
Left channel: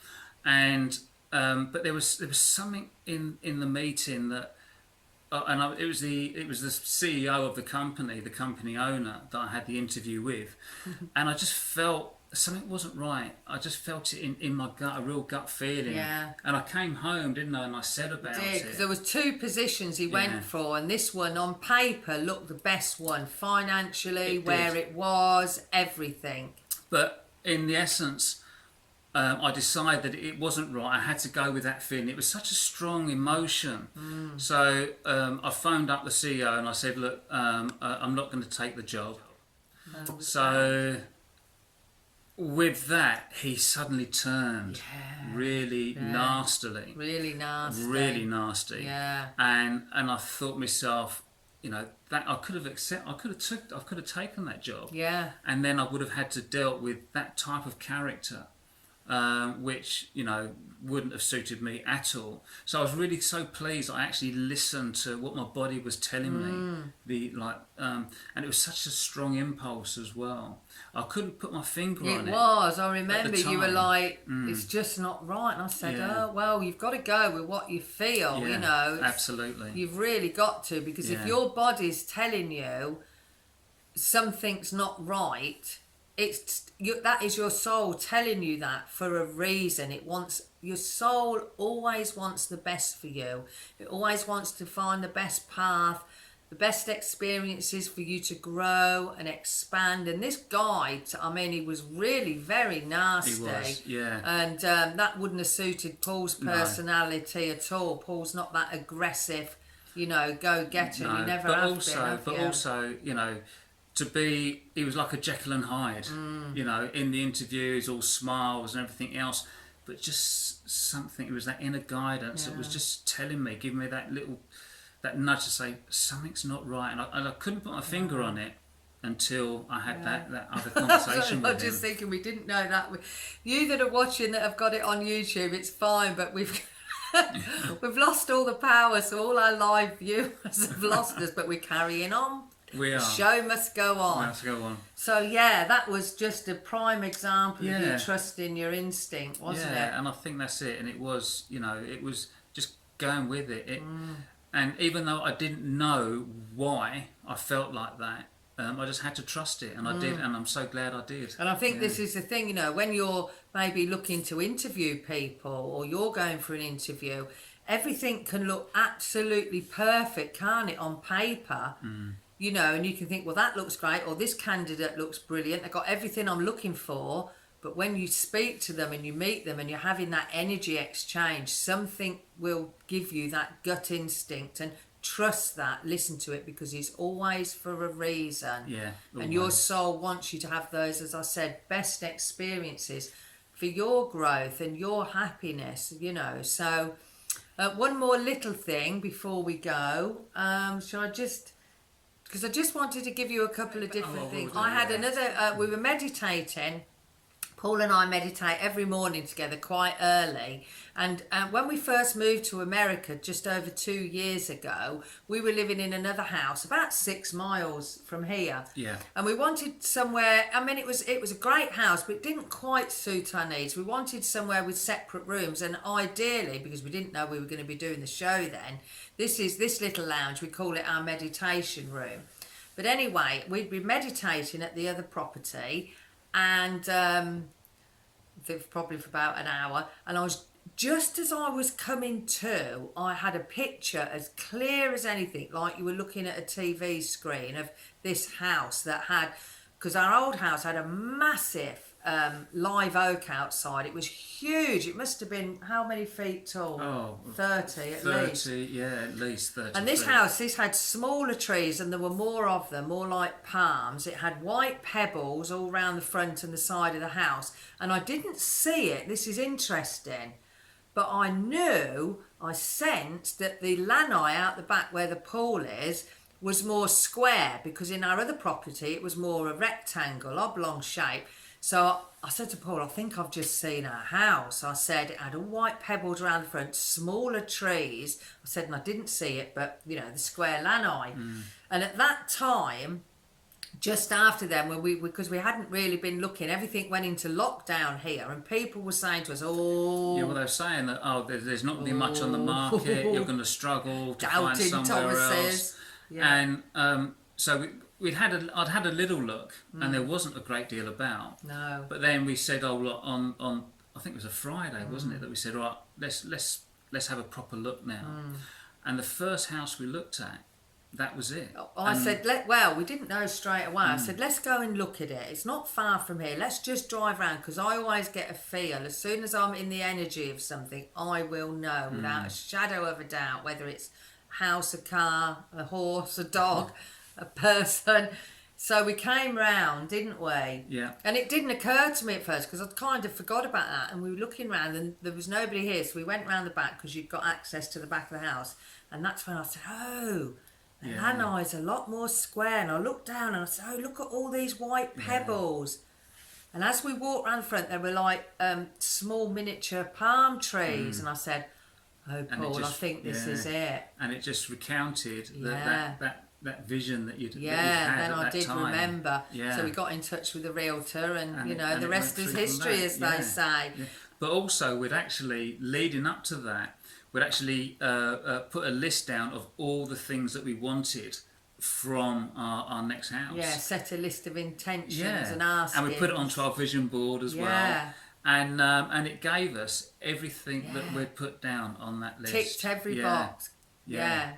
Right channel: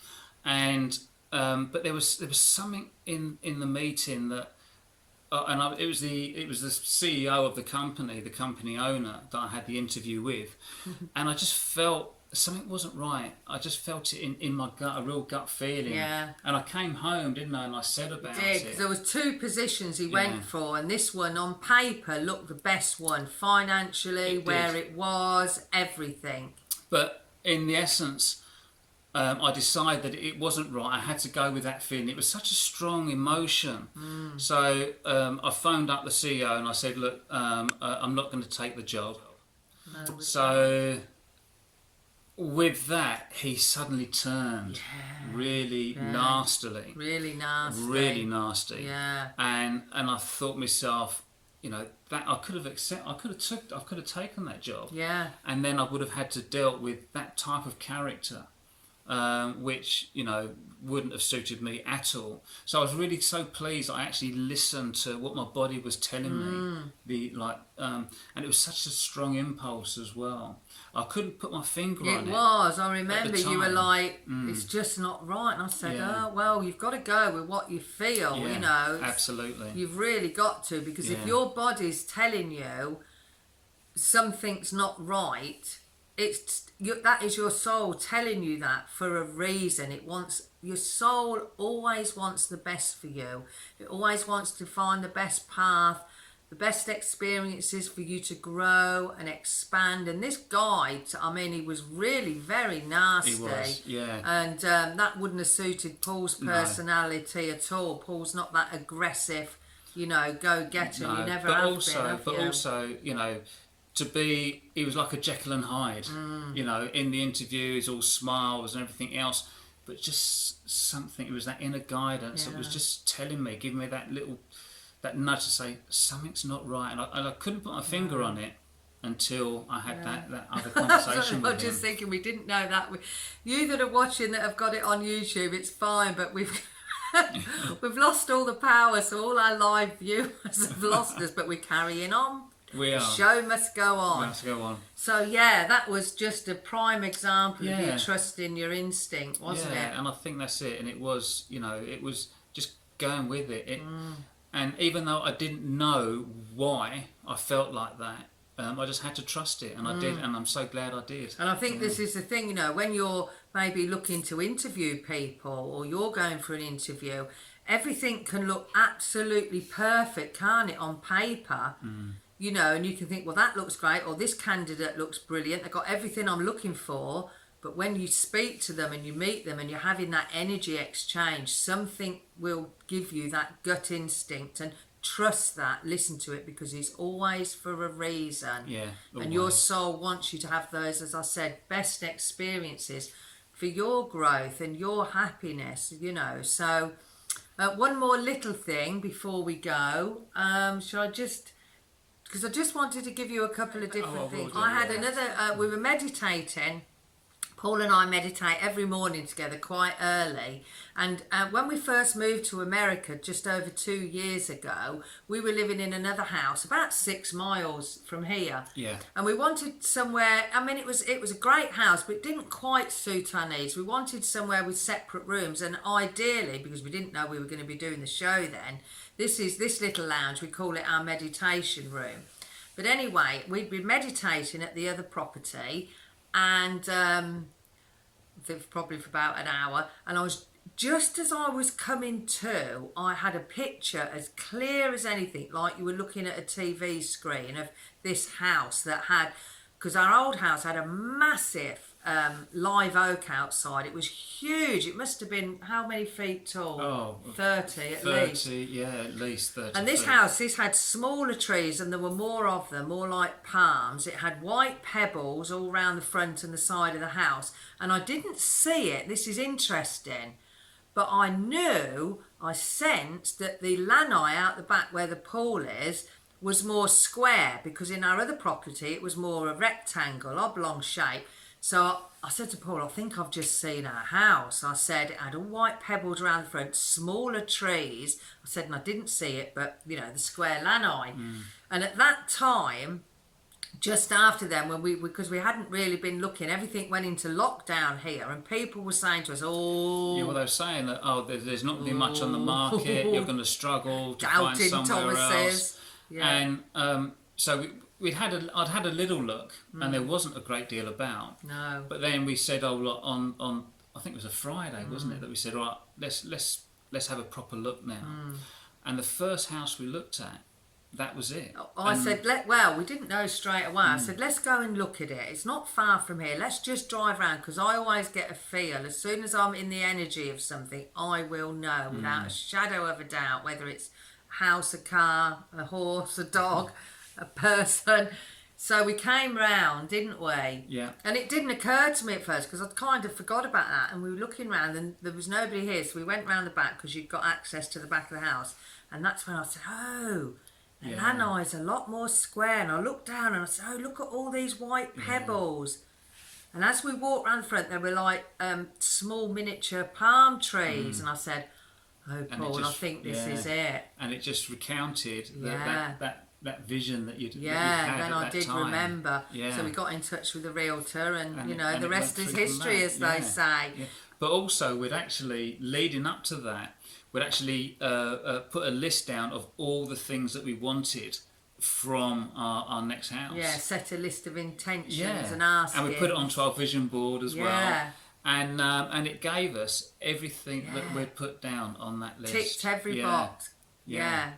and but there was something in the meeting that. It was the CEO of the company owner that I had the interview with, and I just felt something wasn't right. I just felt it in my gut, a real gut feeling. Yeah. And I came home, didn't I? And I said about it. Because there was 2 positions he went for, and this one on paper looked the best one financially, where it was, everything. But in the essence. I decided that it wasn't right. I had to go with that feeling. It was such a strong emotion. So I phoned up the CEO and I said, look, I'm not going to take the job. So with that, he suddenly turned really nastily. Really nasty. Really nasty. Yeah. And I thought myself, you know, that I could have taken that job. Yeah. And then I would have had to deal with that type of character. Which, you know, wouldn't have suited me at all. So I was really so pleased I actually listened to what my body was telling me. And it was such a strong impulse as well. I couldn't put my finger on it. It was. I remember you were like, it's just not right. And I said, oh, well, you've got to go with what you feel, you know. Absolutely. You've really got to, because if your body's telling you something's not right, that is your soul telling you that for a reason. Your soul always wants the best for you. It always wants to find the best path, the best experiences for you to grow and expand. And this guy, I mean, he was really very nasty. He was, yeah. And that wouldn't have suited Paul's personality at all. Paul's not that aggressive, you know, go-getter. You never have been. But also, you know, he was like a Jekyll and Hyde, you know, in the interview, he's all smiles and everything else, but just something, it was that inner guidance that was just telling me, giving me that nudge to say, something's not right, and I couldn't put my finger on it until I had that other conversation with him. I'm just thinking, we didn't know that. You that are watching that have got it on YouTube, it's fine, but we've lost all the power, so all our live viewers have lost us, but we're carrying on. We are. The show must go on. Must go on. So yeah, that was just a prime example of you trusting your instinct, wasn't it? Yeah, and I think that's it. And it was, you know, it was just going with it. And even though I didn't know why I felt like that, I just had to trust it, and I did, and I'm so glad I did. And I think this is the thing, you know, when you're maybe looking to interview people, or you're going for an interview, everything can look absolutely perfect, can't it, on paper? You know, and you can think, well, that looks great, or this candidate looks brilliant, they've got everything I'm looking for. But when you speak to them and you meet them and you're having that energy exchange, something will give you that gut instinct, and trust that, listen to it, because it's always for a reason. Yeah. And your soul wants you to have those, as I said, best experiences for your growth and your happiness, you know. So one more little thing before we go. Shall I just... Because I just wanted to give you a couple of different things. I had another... we were meditating. Paul and I meditate every morning together quite early. And when we first moved to America just over 2 years ago, we were living in another house about 6 miles from here. Yeah. And we wanted somewhere... I mean, it was a great house, but it didn't quite suit our needs. We wanted somewhere with separate rooms. And ideally, because we didn't know we were going to be doing the show then, this little lounge, we call it our meditation room. But anyway, we'd been meditating at the other property, and probably for about an hour, and just as I was coming to, I had a picture as clear as anything, like you were looking at a TV screen, of this house that had, because our old house had a massive live oak outside. It was huge. It must have been, how many feet tall? Oh, 30 at least. 30, yeah, at least 30. And this house, this had smaller trees, and there were more of them, more like palms. It had white pebbles all round the front and the side of the house. And I didn't see it. This is interesting. But I knew, I sensed that the lanai out the back where the pool is was more square, because in our other property it was more a rectangle, oblong shape. So I said to Paul, I think I've just seen our house. I said it had all white pebbles around the front, smaller trees. I said, and I didn't see it, but, you know, the square lanai. And at that time, just after then, when because we hadn't really been looking, everything went into lockdown here, and people were saying to us, "Oh, yeah, well, they were saying that there's not going to be much on the market. You're going to struggle to find somewhere else." Yeah. And so I'd had a little look, and there wasn't a great deal about. No. But then we said, "Oh, look, on I think it was a Friday, wasn't it? That we said, all right, let's have a proper look now." And the first house we looked at, that was it. I said, we didn't know straight away. I said, let's go and look at it. It's not far from here. Let's just drive around, because I always get a feel. As soon as I'm in the energy of something, I will know without a shadow of a doubt whether it's a house, a car, a horse, a dog, a person. So we came round, didn't we? Yeah. And it didn't occur to me at first, because I'd kind of forgot about that. And we were looking round, and there was nobody here. So we went round the back, because you've got access to the back of the house. And that's when I said, oh... And lanai's a lot more square. And I looked down and I said, oh, look at all these white pebbles. And as we walked around the front, there were like small miniature palm trees. And I said, oh, Paul, I think this is it. And it just recounted that vision that you'd then had I at did that time. Remember. Yeah. So we got in touch with the realtor, and you know, and the rest is history, as they say. Yeah. But also, we'd actually, leading up to that, we'd actually put a list down of all the things that we wanted from our next house. Yeah, set a list of intentions and asked. And we put it onto our vision board as well. And it gave us everything that we'd put down on that list. Ticked every box. Yeah.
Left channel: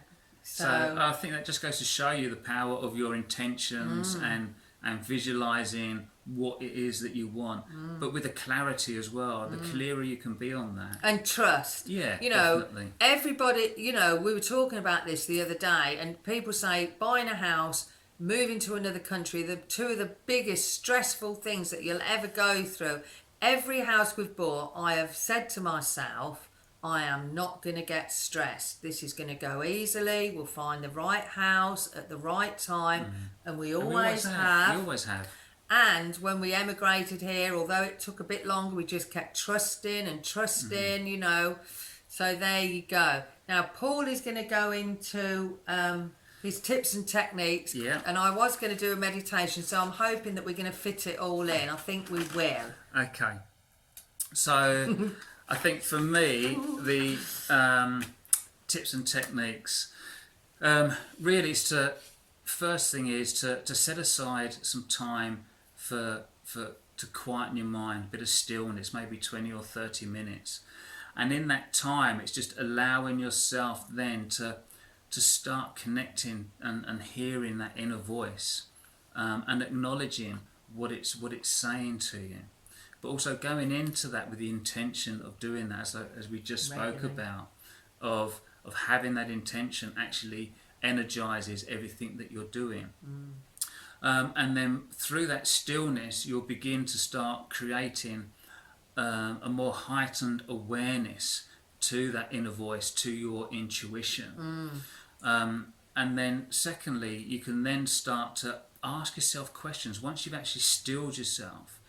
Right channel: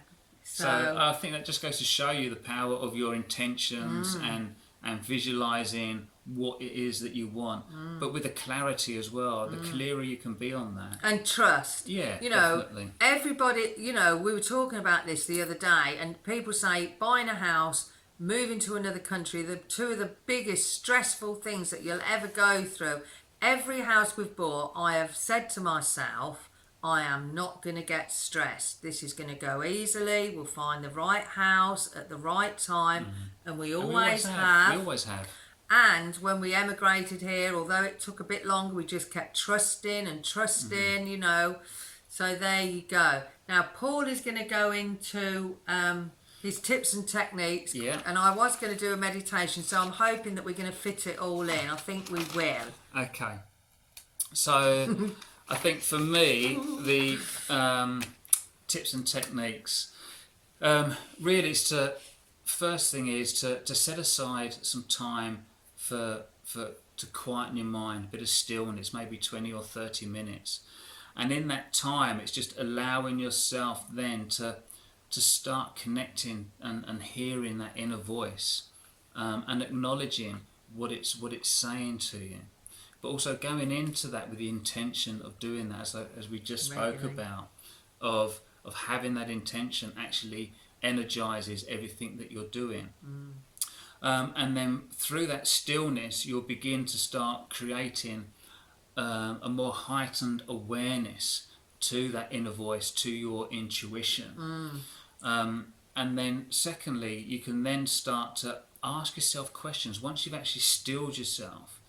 So I think that just goes to show you the power of your intentions and visualising what it is that you want, but with the clarity as well. The clearer you can be on that. And trust. Yeah, you know, definitely. Everybody, you know, we were talking about this the other day, and people say buying a house, moving to another country, the two of the biggest stressful things that you'll ever go through. Every house we've bought, I have said to myself, I am not going to get stressed. This is going to go easily. We'll find the right house at the right time. And we always have. We always have. And when we emigrated here, although it took a bit longer, we just kept trusting, you know. So there you go. Now, Paul is going to go into his tips and techniques. Yeah. And I was going to do a meditation, so I'm hoping that we're going to fit it all in. I think we will. Okay. So I think for me, the tips and techniques, really is first thing is to set aside some time to quieten your mind, a bit of stillness, maybe 20 or 30 minutes. And in that time, it's just allowing yourself then to start connecting and hearing that inner voice, and acknowledging what it's saying to you. But also going into that with the intention of doing that, as we just spoke about, of having that intention actually energizes everything that you're doing. And then through that stillness, you'll begin to start creating a more heightened awareness to that inner voice, to your intuition. And then secondly, you can then start to ask yourself questions. Once you've actually stilled yourself,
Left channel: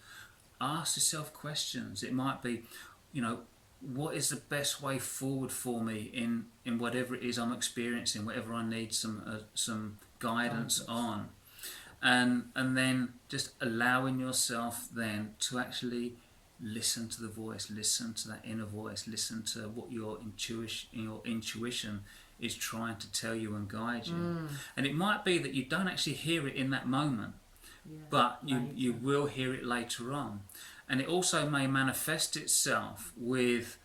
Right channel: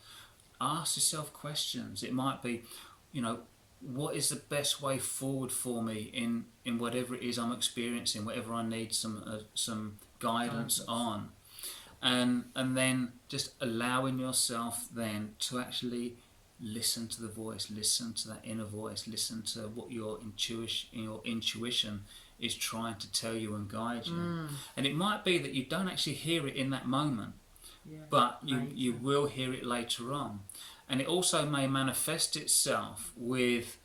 ask yourself questions. It might be, you know, what is the best way forward for me in whatever it is I'm experiencing, whatever I need some guidance on. And then just allowing yourself then to actually listen to the voice, listen to that inner voice, listen to what your intuition is trying to tell you and guide you. And it might be that you don't actually hear it in that moment, but you will hear it later on. And it also may manifest itself with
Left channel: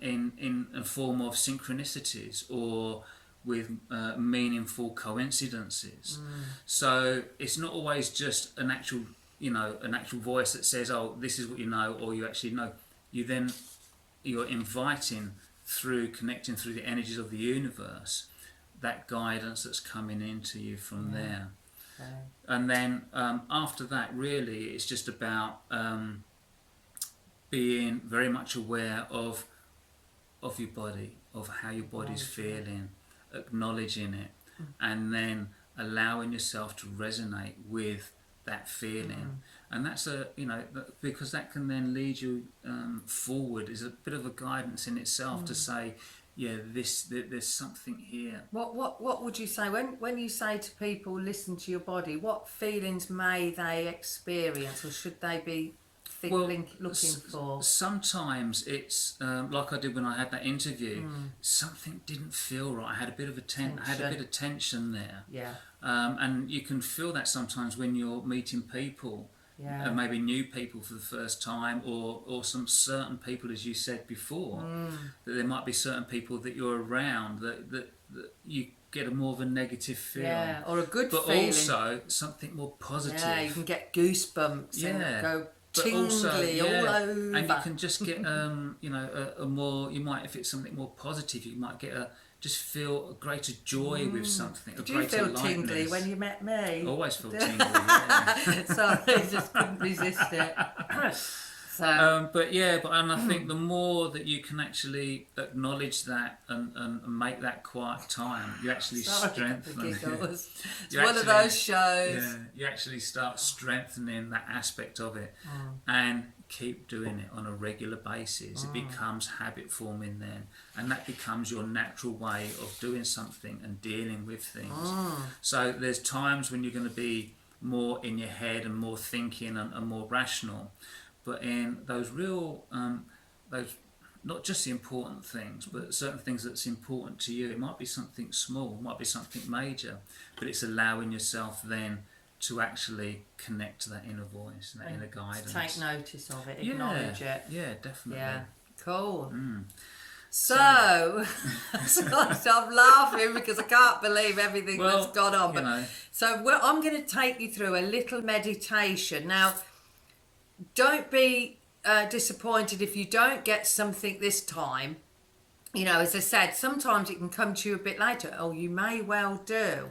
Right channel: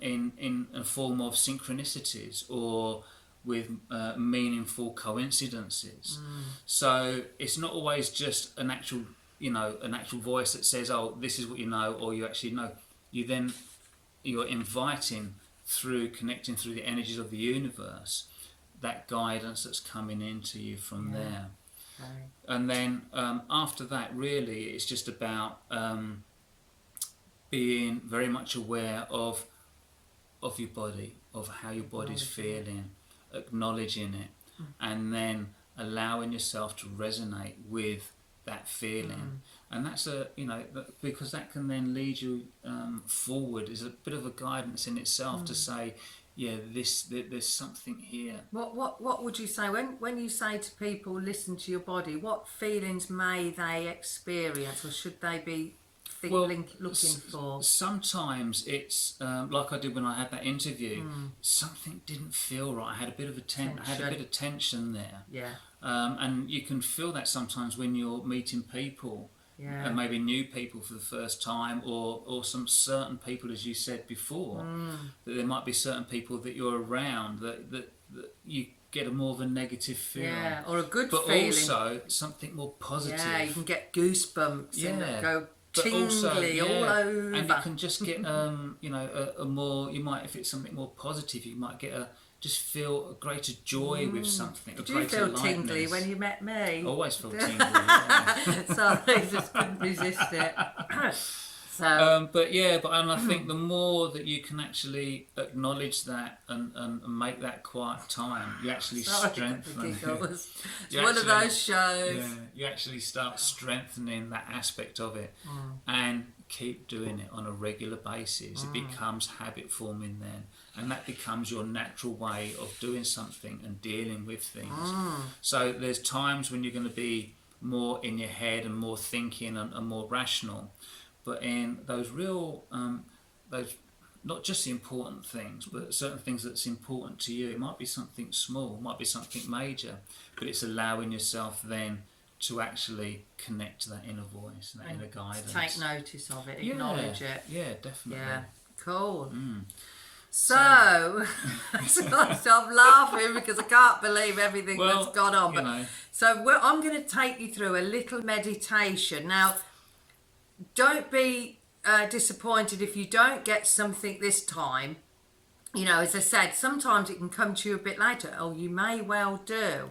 in a form of synchronicities or with meaningful coincidences. So it's not always just an actual voice that says, oh, this is what you know, or you actually know. You're inviting, through connecting through the energies of the universe, that guidance that's coming into you from there. Okay. And then after that, really, it's just about being very much aware of your body, of how your body's feeling, acknowledging it, and then allowing yourself to resonate with that feeling. And that's because that can then lead you forward, is a bit of a guidance in itself to say, there's something here. What would you say when you say to people, listen to your body? What feelings may they experience, or should they be looking for? Sometimes it's like I did when I had that interview. Something didn't feel right. I had a bit of tension there. Yeah. And you can feel that sometimes when you're meeting people. Yeah. Maybe new people for the first time, or some certain people, as you said before, that there might be certain people that you're around that you get a more of a negative feel. Yeah, or a good but feeling. But also something more positive. Yeah, you can get goosebumps and go tingly all over. And you can just get, a more, you might, if it's something more positive, you might get just feel a greater joy with something. Did you feel tingly when you met me? I always feel tingly, yeah. Sorry, just couldn't resist it. So, but I think the more that you can actually acknowledge that and make that quiet time, you actually strengthen it. It's one of those shows. Yeah, you actually start strengthening that aspect of it, and keep doing it on a regular basis. It becomes habit forming then, and that becomes your natural way of doing something and dealing with things. So there's times when you're going to be more in your head and more thinking and more rational. But in those real, those not just the important things, but certain things that's important to you. It might be something small, it might be something major, but it's allowing yourself then to actually connect to that inner voice and that inner guidance. Take notice of it, acknowledge it. Yeah, definitely. Yeah, cool. So I'm laughing because I can't believe everything that's gone on. But I'm going to take you through a little meditation now. Don't be disappointed if you don't get something this time. As I said, sometimes it can come to you a bit later. Oh, you may well do.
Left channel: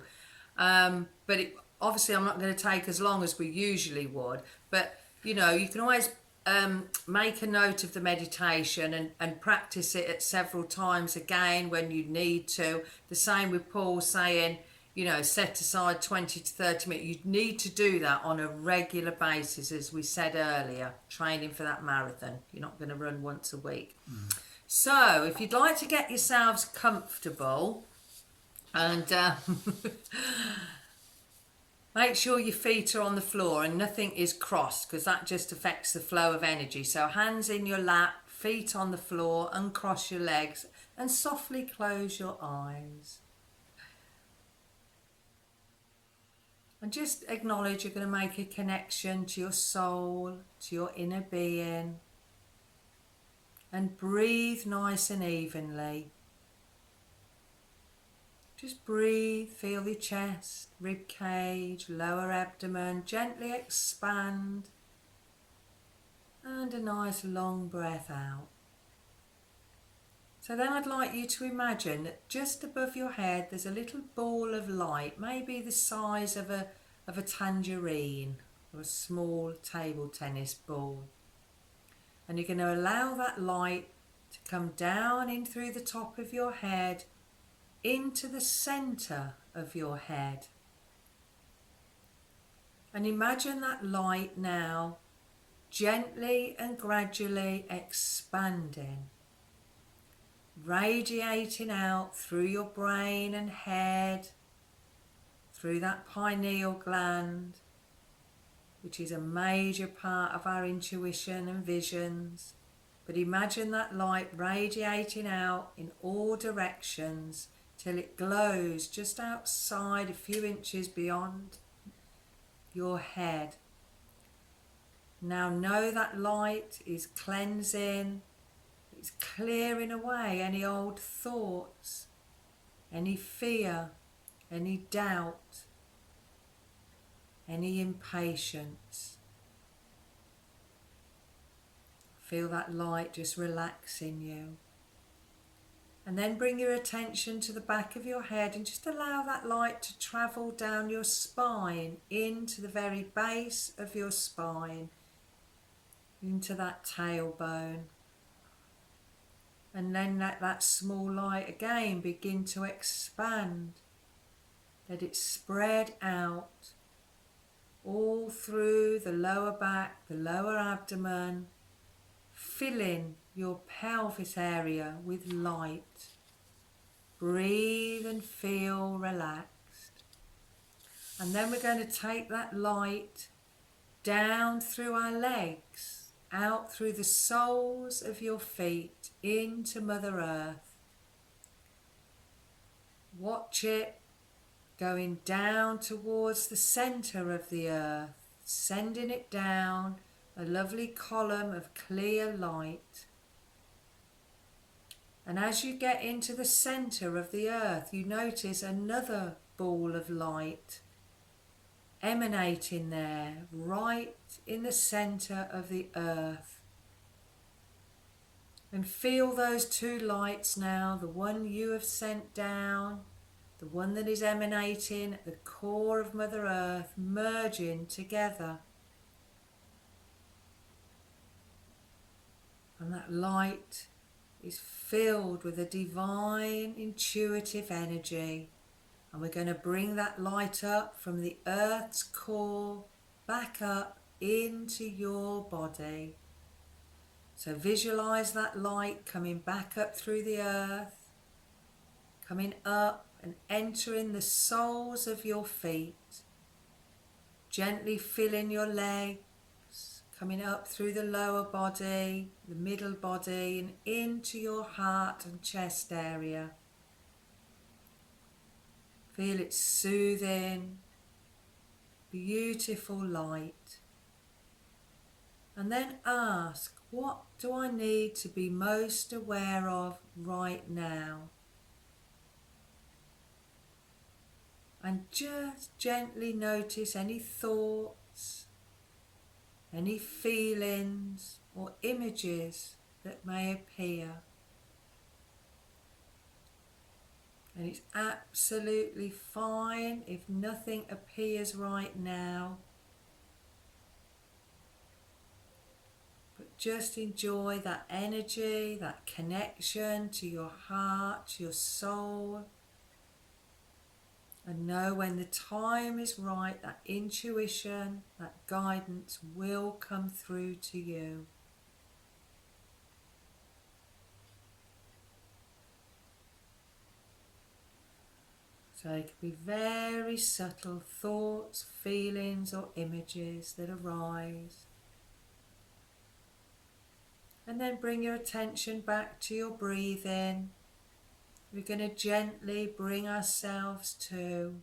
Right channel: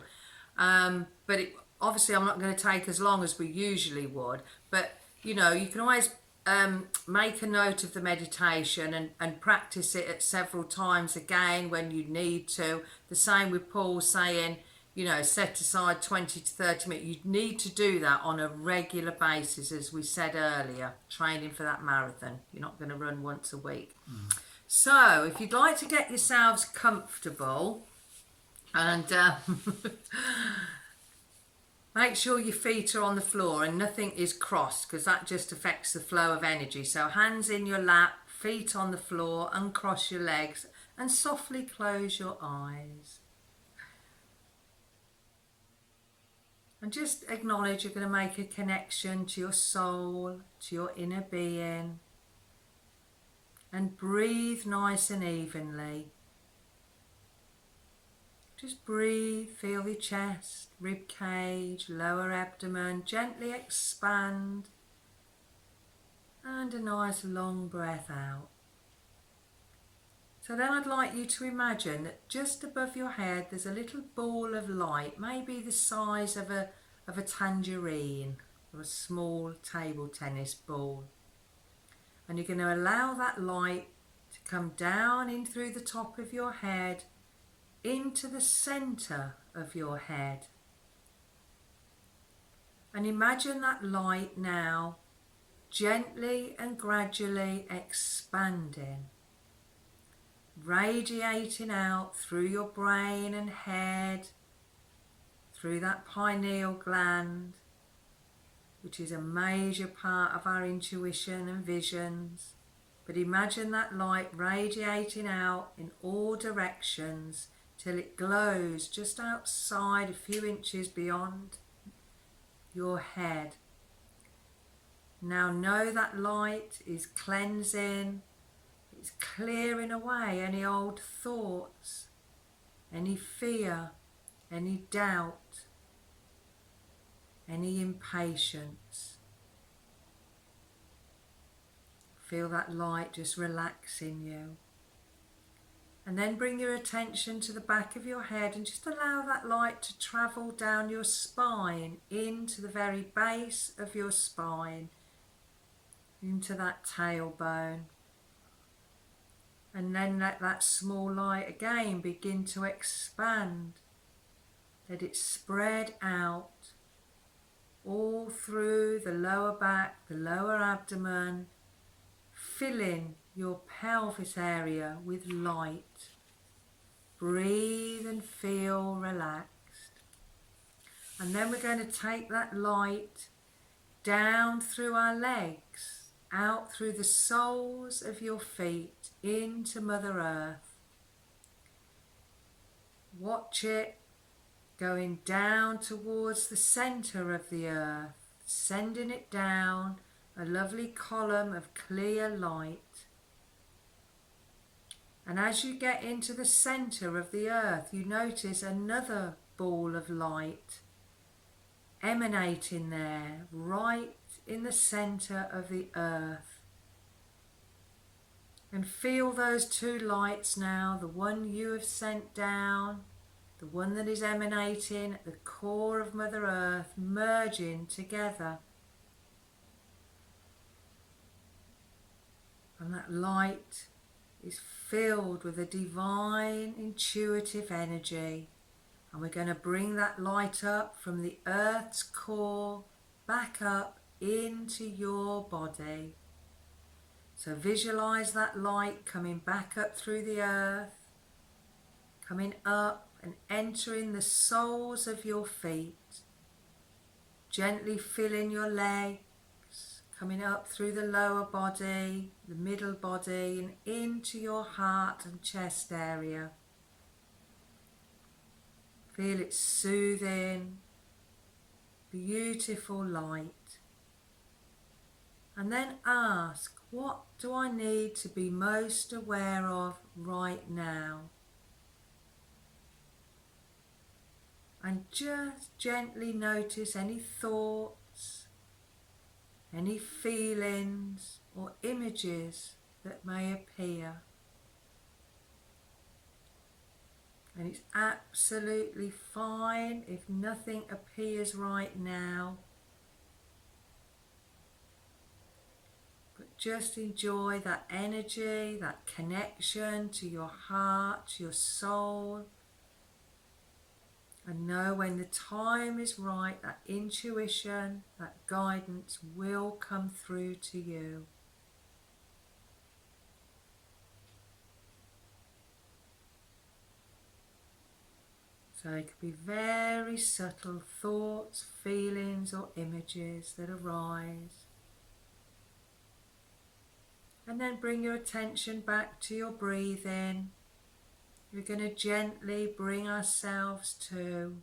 But obviously I'm not going to take as long as we usually would. But, you can always make a note of the meditation and practice it at several times again when you need to. The same with Paul saying, set aside 20 to 30 minutes. You need to do that on a regular basis, as we said earlier, training for that marathon. You're not going to run once a week. So if you'd like to get yourselves comfortable and make sure your feet are on the floor and nothing is crossed, because that just affects the flow of energy. So hands in your lap, feet on the floor, uncross your legs and softly close your eyes. And just acknowledge you're going to make a connection to your soul, to your inner being. And breathe nice and evenly. Just breathe, feel your chest, rib cage, lower abdomen, gently expand. And a nice long breath out. So then I'd like you to imagine that just above your head there's a little ball of light, maybe the size of a tangerine or a small table tennis ball. And you're going to allow that light to come down in through the top of your head into the centre of your head. And imagine that light now gently and gradually expanding, radiating out through your brain and head, through that pineal gland, which is a major part of our intuition and visions. But imagine that light radiating out in all directions till it glows just outside, a few inches beyond your head. Now know that light is cleansing, It's clearing away any old thoughts, any fear, any doubt, any impatience. Feel that light just relaxing you. And then bring your attention to the back of your head and just allow that light to travel down your spine into the very base of your spine, into that tailbone. And then let that small light again begin to expand. Let it spread out all through the lower back, the lower abdomen, filling your pelvis area with light. Breathe and feel relaxed. And then we're going to take that light down through our legs, out through the soles of your feet into Mother Earth. Watch it going down towards the centre of the earth, sending it down, a lovely column of clear light. And as you get into the centre of the earth, you notice another ball of light emanating there, right in the centre of the earth. And feel those two lights now, the one you have sent down, the one that is emanating at the core of Mother Earth, merging together. And that light is filled with a divine intuitive energy, and we're going to bring that light up from the earth's core back up into your body. So visualize that light coming back up through the earth, coming up and entering the soles of your feet, gently filling your legs, coming up through the lower body, the middle body, and into your heart and chest area. Feel its soothing, beautiful light. And then ask, what do I need to be most aware of right now? And just gently notice any thoughts, any feelings or images that may appear. And it's absolutely fine if nothing appears right now. But just enjoy that energy, that connection to your heart, to your soul. And know when the time is right, that intuition, that guidance will come through to you. So it could be very subtle thoughts, feelings or images that arise. And then bring your attention back to your breathing. We're going to gently bring ourselves to.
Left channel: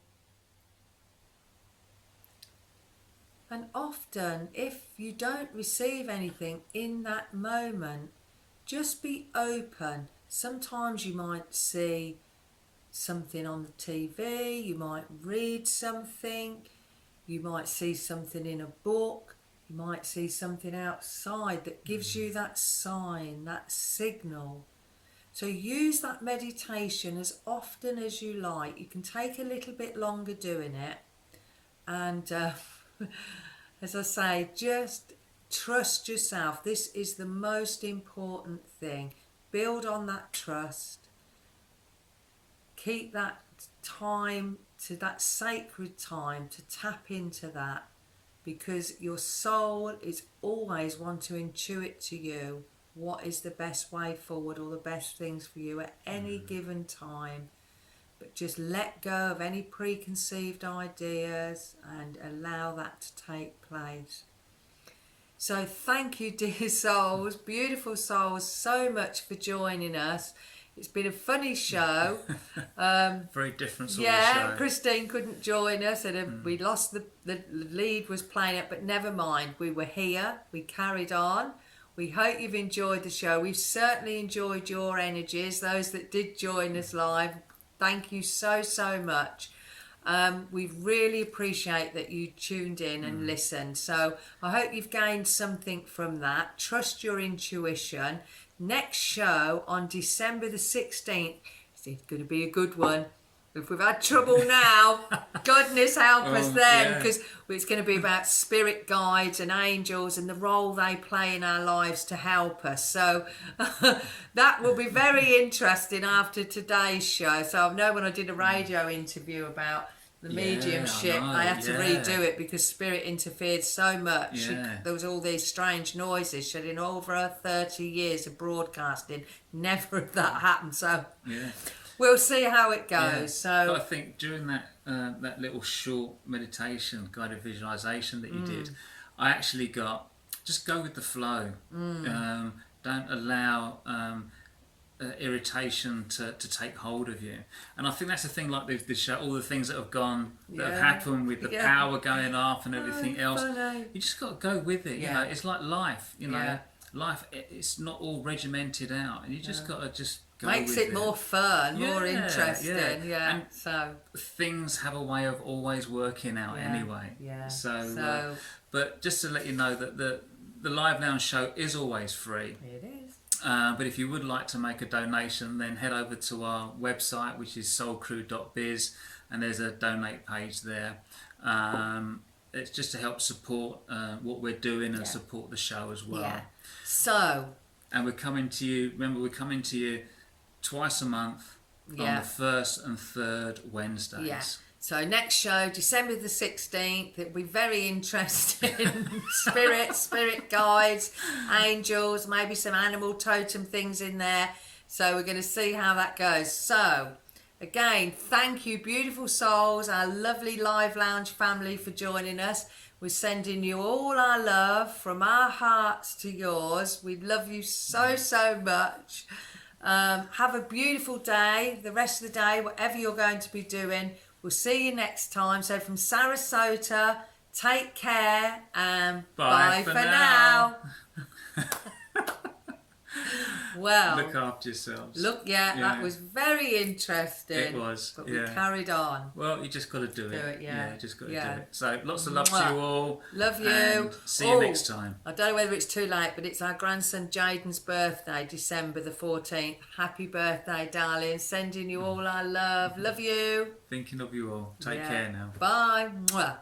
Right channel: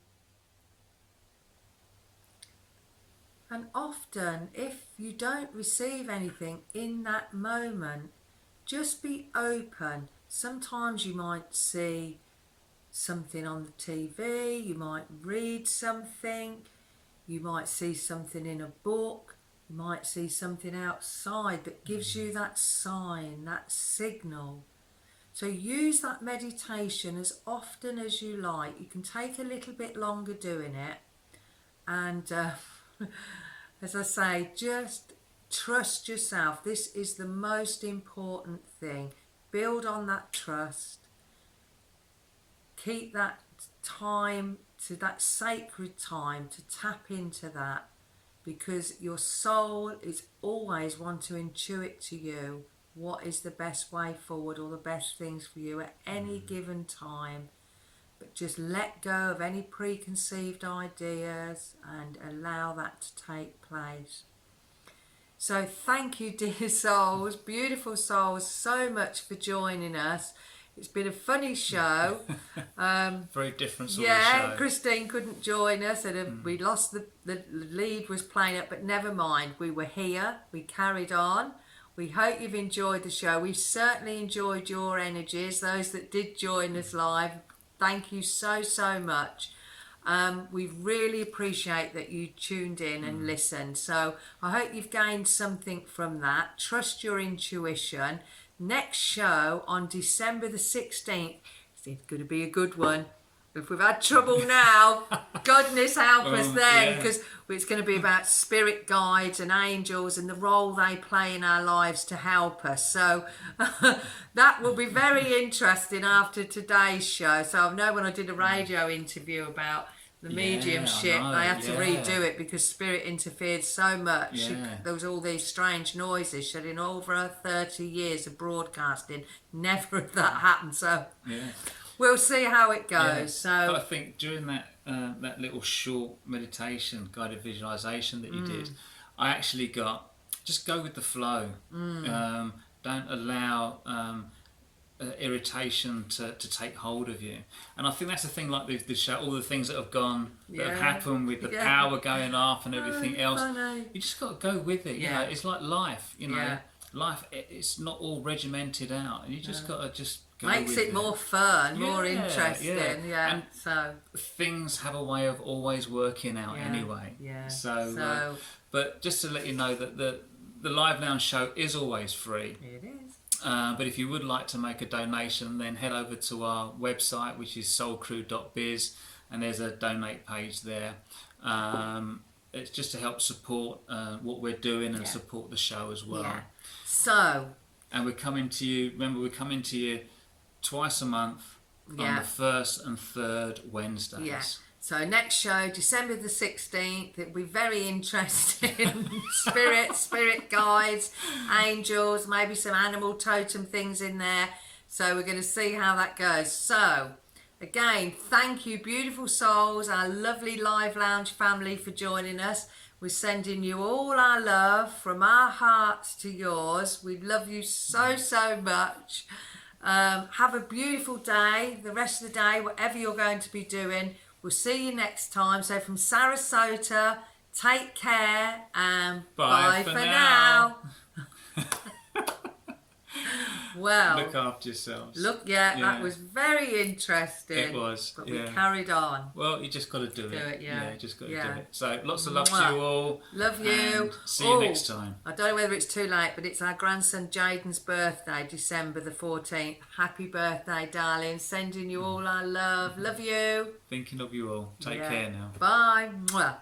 And often, if you don't receive anything in that moment, just be open. Sometimes you might see something on the TV, you might read something, you might see something in a book, you might see something outside that gives you that sign, that signal. So use that meditation as often as you like. You can take a little bit longer doing it. And as I say, just trust yourself. This is the most important thing. Build on that trust. Keep that time, to that sacred time, to tap into that, because your soul is always want to intuit to you what is the best way forward or the best things for you at any given time. But just let go of any preconceived ideas and allow that to take place. So thank you, dear souls, beautiful souls, so much for joining us. It's been a funny show. Very different sort of show. Yeah, Christine couldn't join us, and we lost the lead was playing it, but never mind. We were here, we carried on. We hope you've enjoyed the show. We've certainly enjoyed your energies, those that did join us live. Thank you so, so much. We really appreciate that you tuned in and listened. So I hope you've gained something from that. Trust your intuition. Next show on December the 16th. It's going to be a good one. If we've had trouble now, goodness help us then, because it's going to be about spirit guides and angels and the role they play in our lives to help us. So that will be very interesting after today's show. So I know when I did a radio interview about the mediumship, I had to redo it because spirit interfered so much. There was all these strange noises. She had in over 30 years of broadcasting, never had that happened. So we'll see how it goes. So but I think during that that little short meditation, guided visualization that you did, I actually got, just go with the flow. Don't allow irritation to take hold of you. And I think that's the thing, like the show, all the things that have gone, that have happened with the power going off and everything else. Funny. You just got to go with it. You know, it's like life. You know, life, it's not all regimented out, and you just got to just go makes with it more fun, more interesting. And so things have a way of always working out anyway. So but just to let you know that the Live Lounge show is always free. It is. But if you would like to make a donation, then head over to our website, which is soulcrew.biz, and there's a donate page there. It's just to help support what we're doing and support the show as well. So, and we're coming to you, remember, we're coming to you twice a month on the first and third Wednesdays. So next show, December the 16th, it'll be very interesting. Spirit guides, angels, maybe some animal totem things in there. So we're going to see how that goes. So again, thank you, beautiful souls, our lovely Live Lounge family, for joining us. We're sending you all our love from our hearts to yours. We love you so, so much. Have a beautiful day, the rest of the day, whatever you're going to be doing. We'll see you next time. So from Sarasota, take care and bye for now. Well, look after yourselves. Look, that was very interesting. It was, but we carried on. Well, you just got to do it. Just got to do it. So lots of love to you all. Love you. And see you next time. I don't know whether it's too late, but it's our grandson Jaden's birthday, December the 14th. Happy birthday, darling. Sending you all our love. Love you. Thinking of you all. Take care now. Bye. Mwah.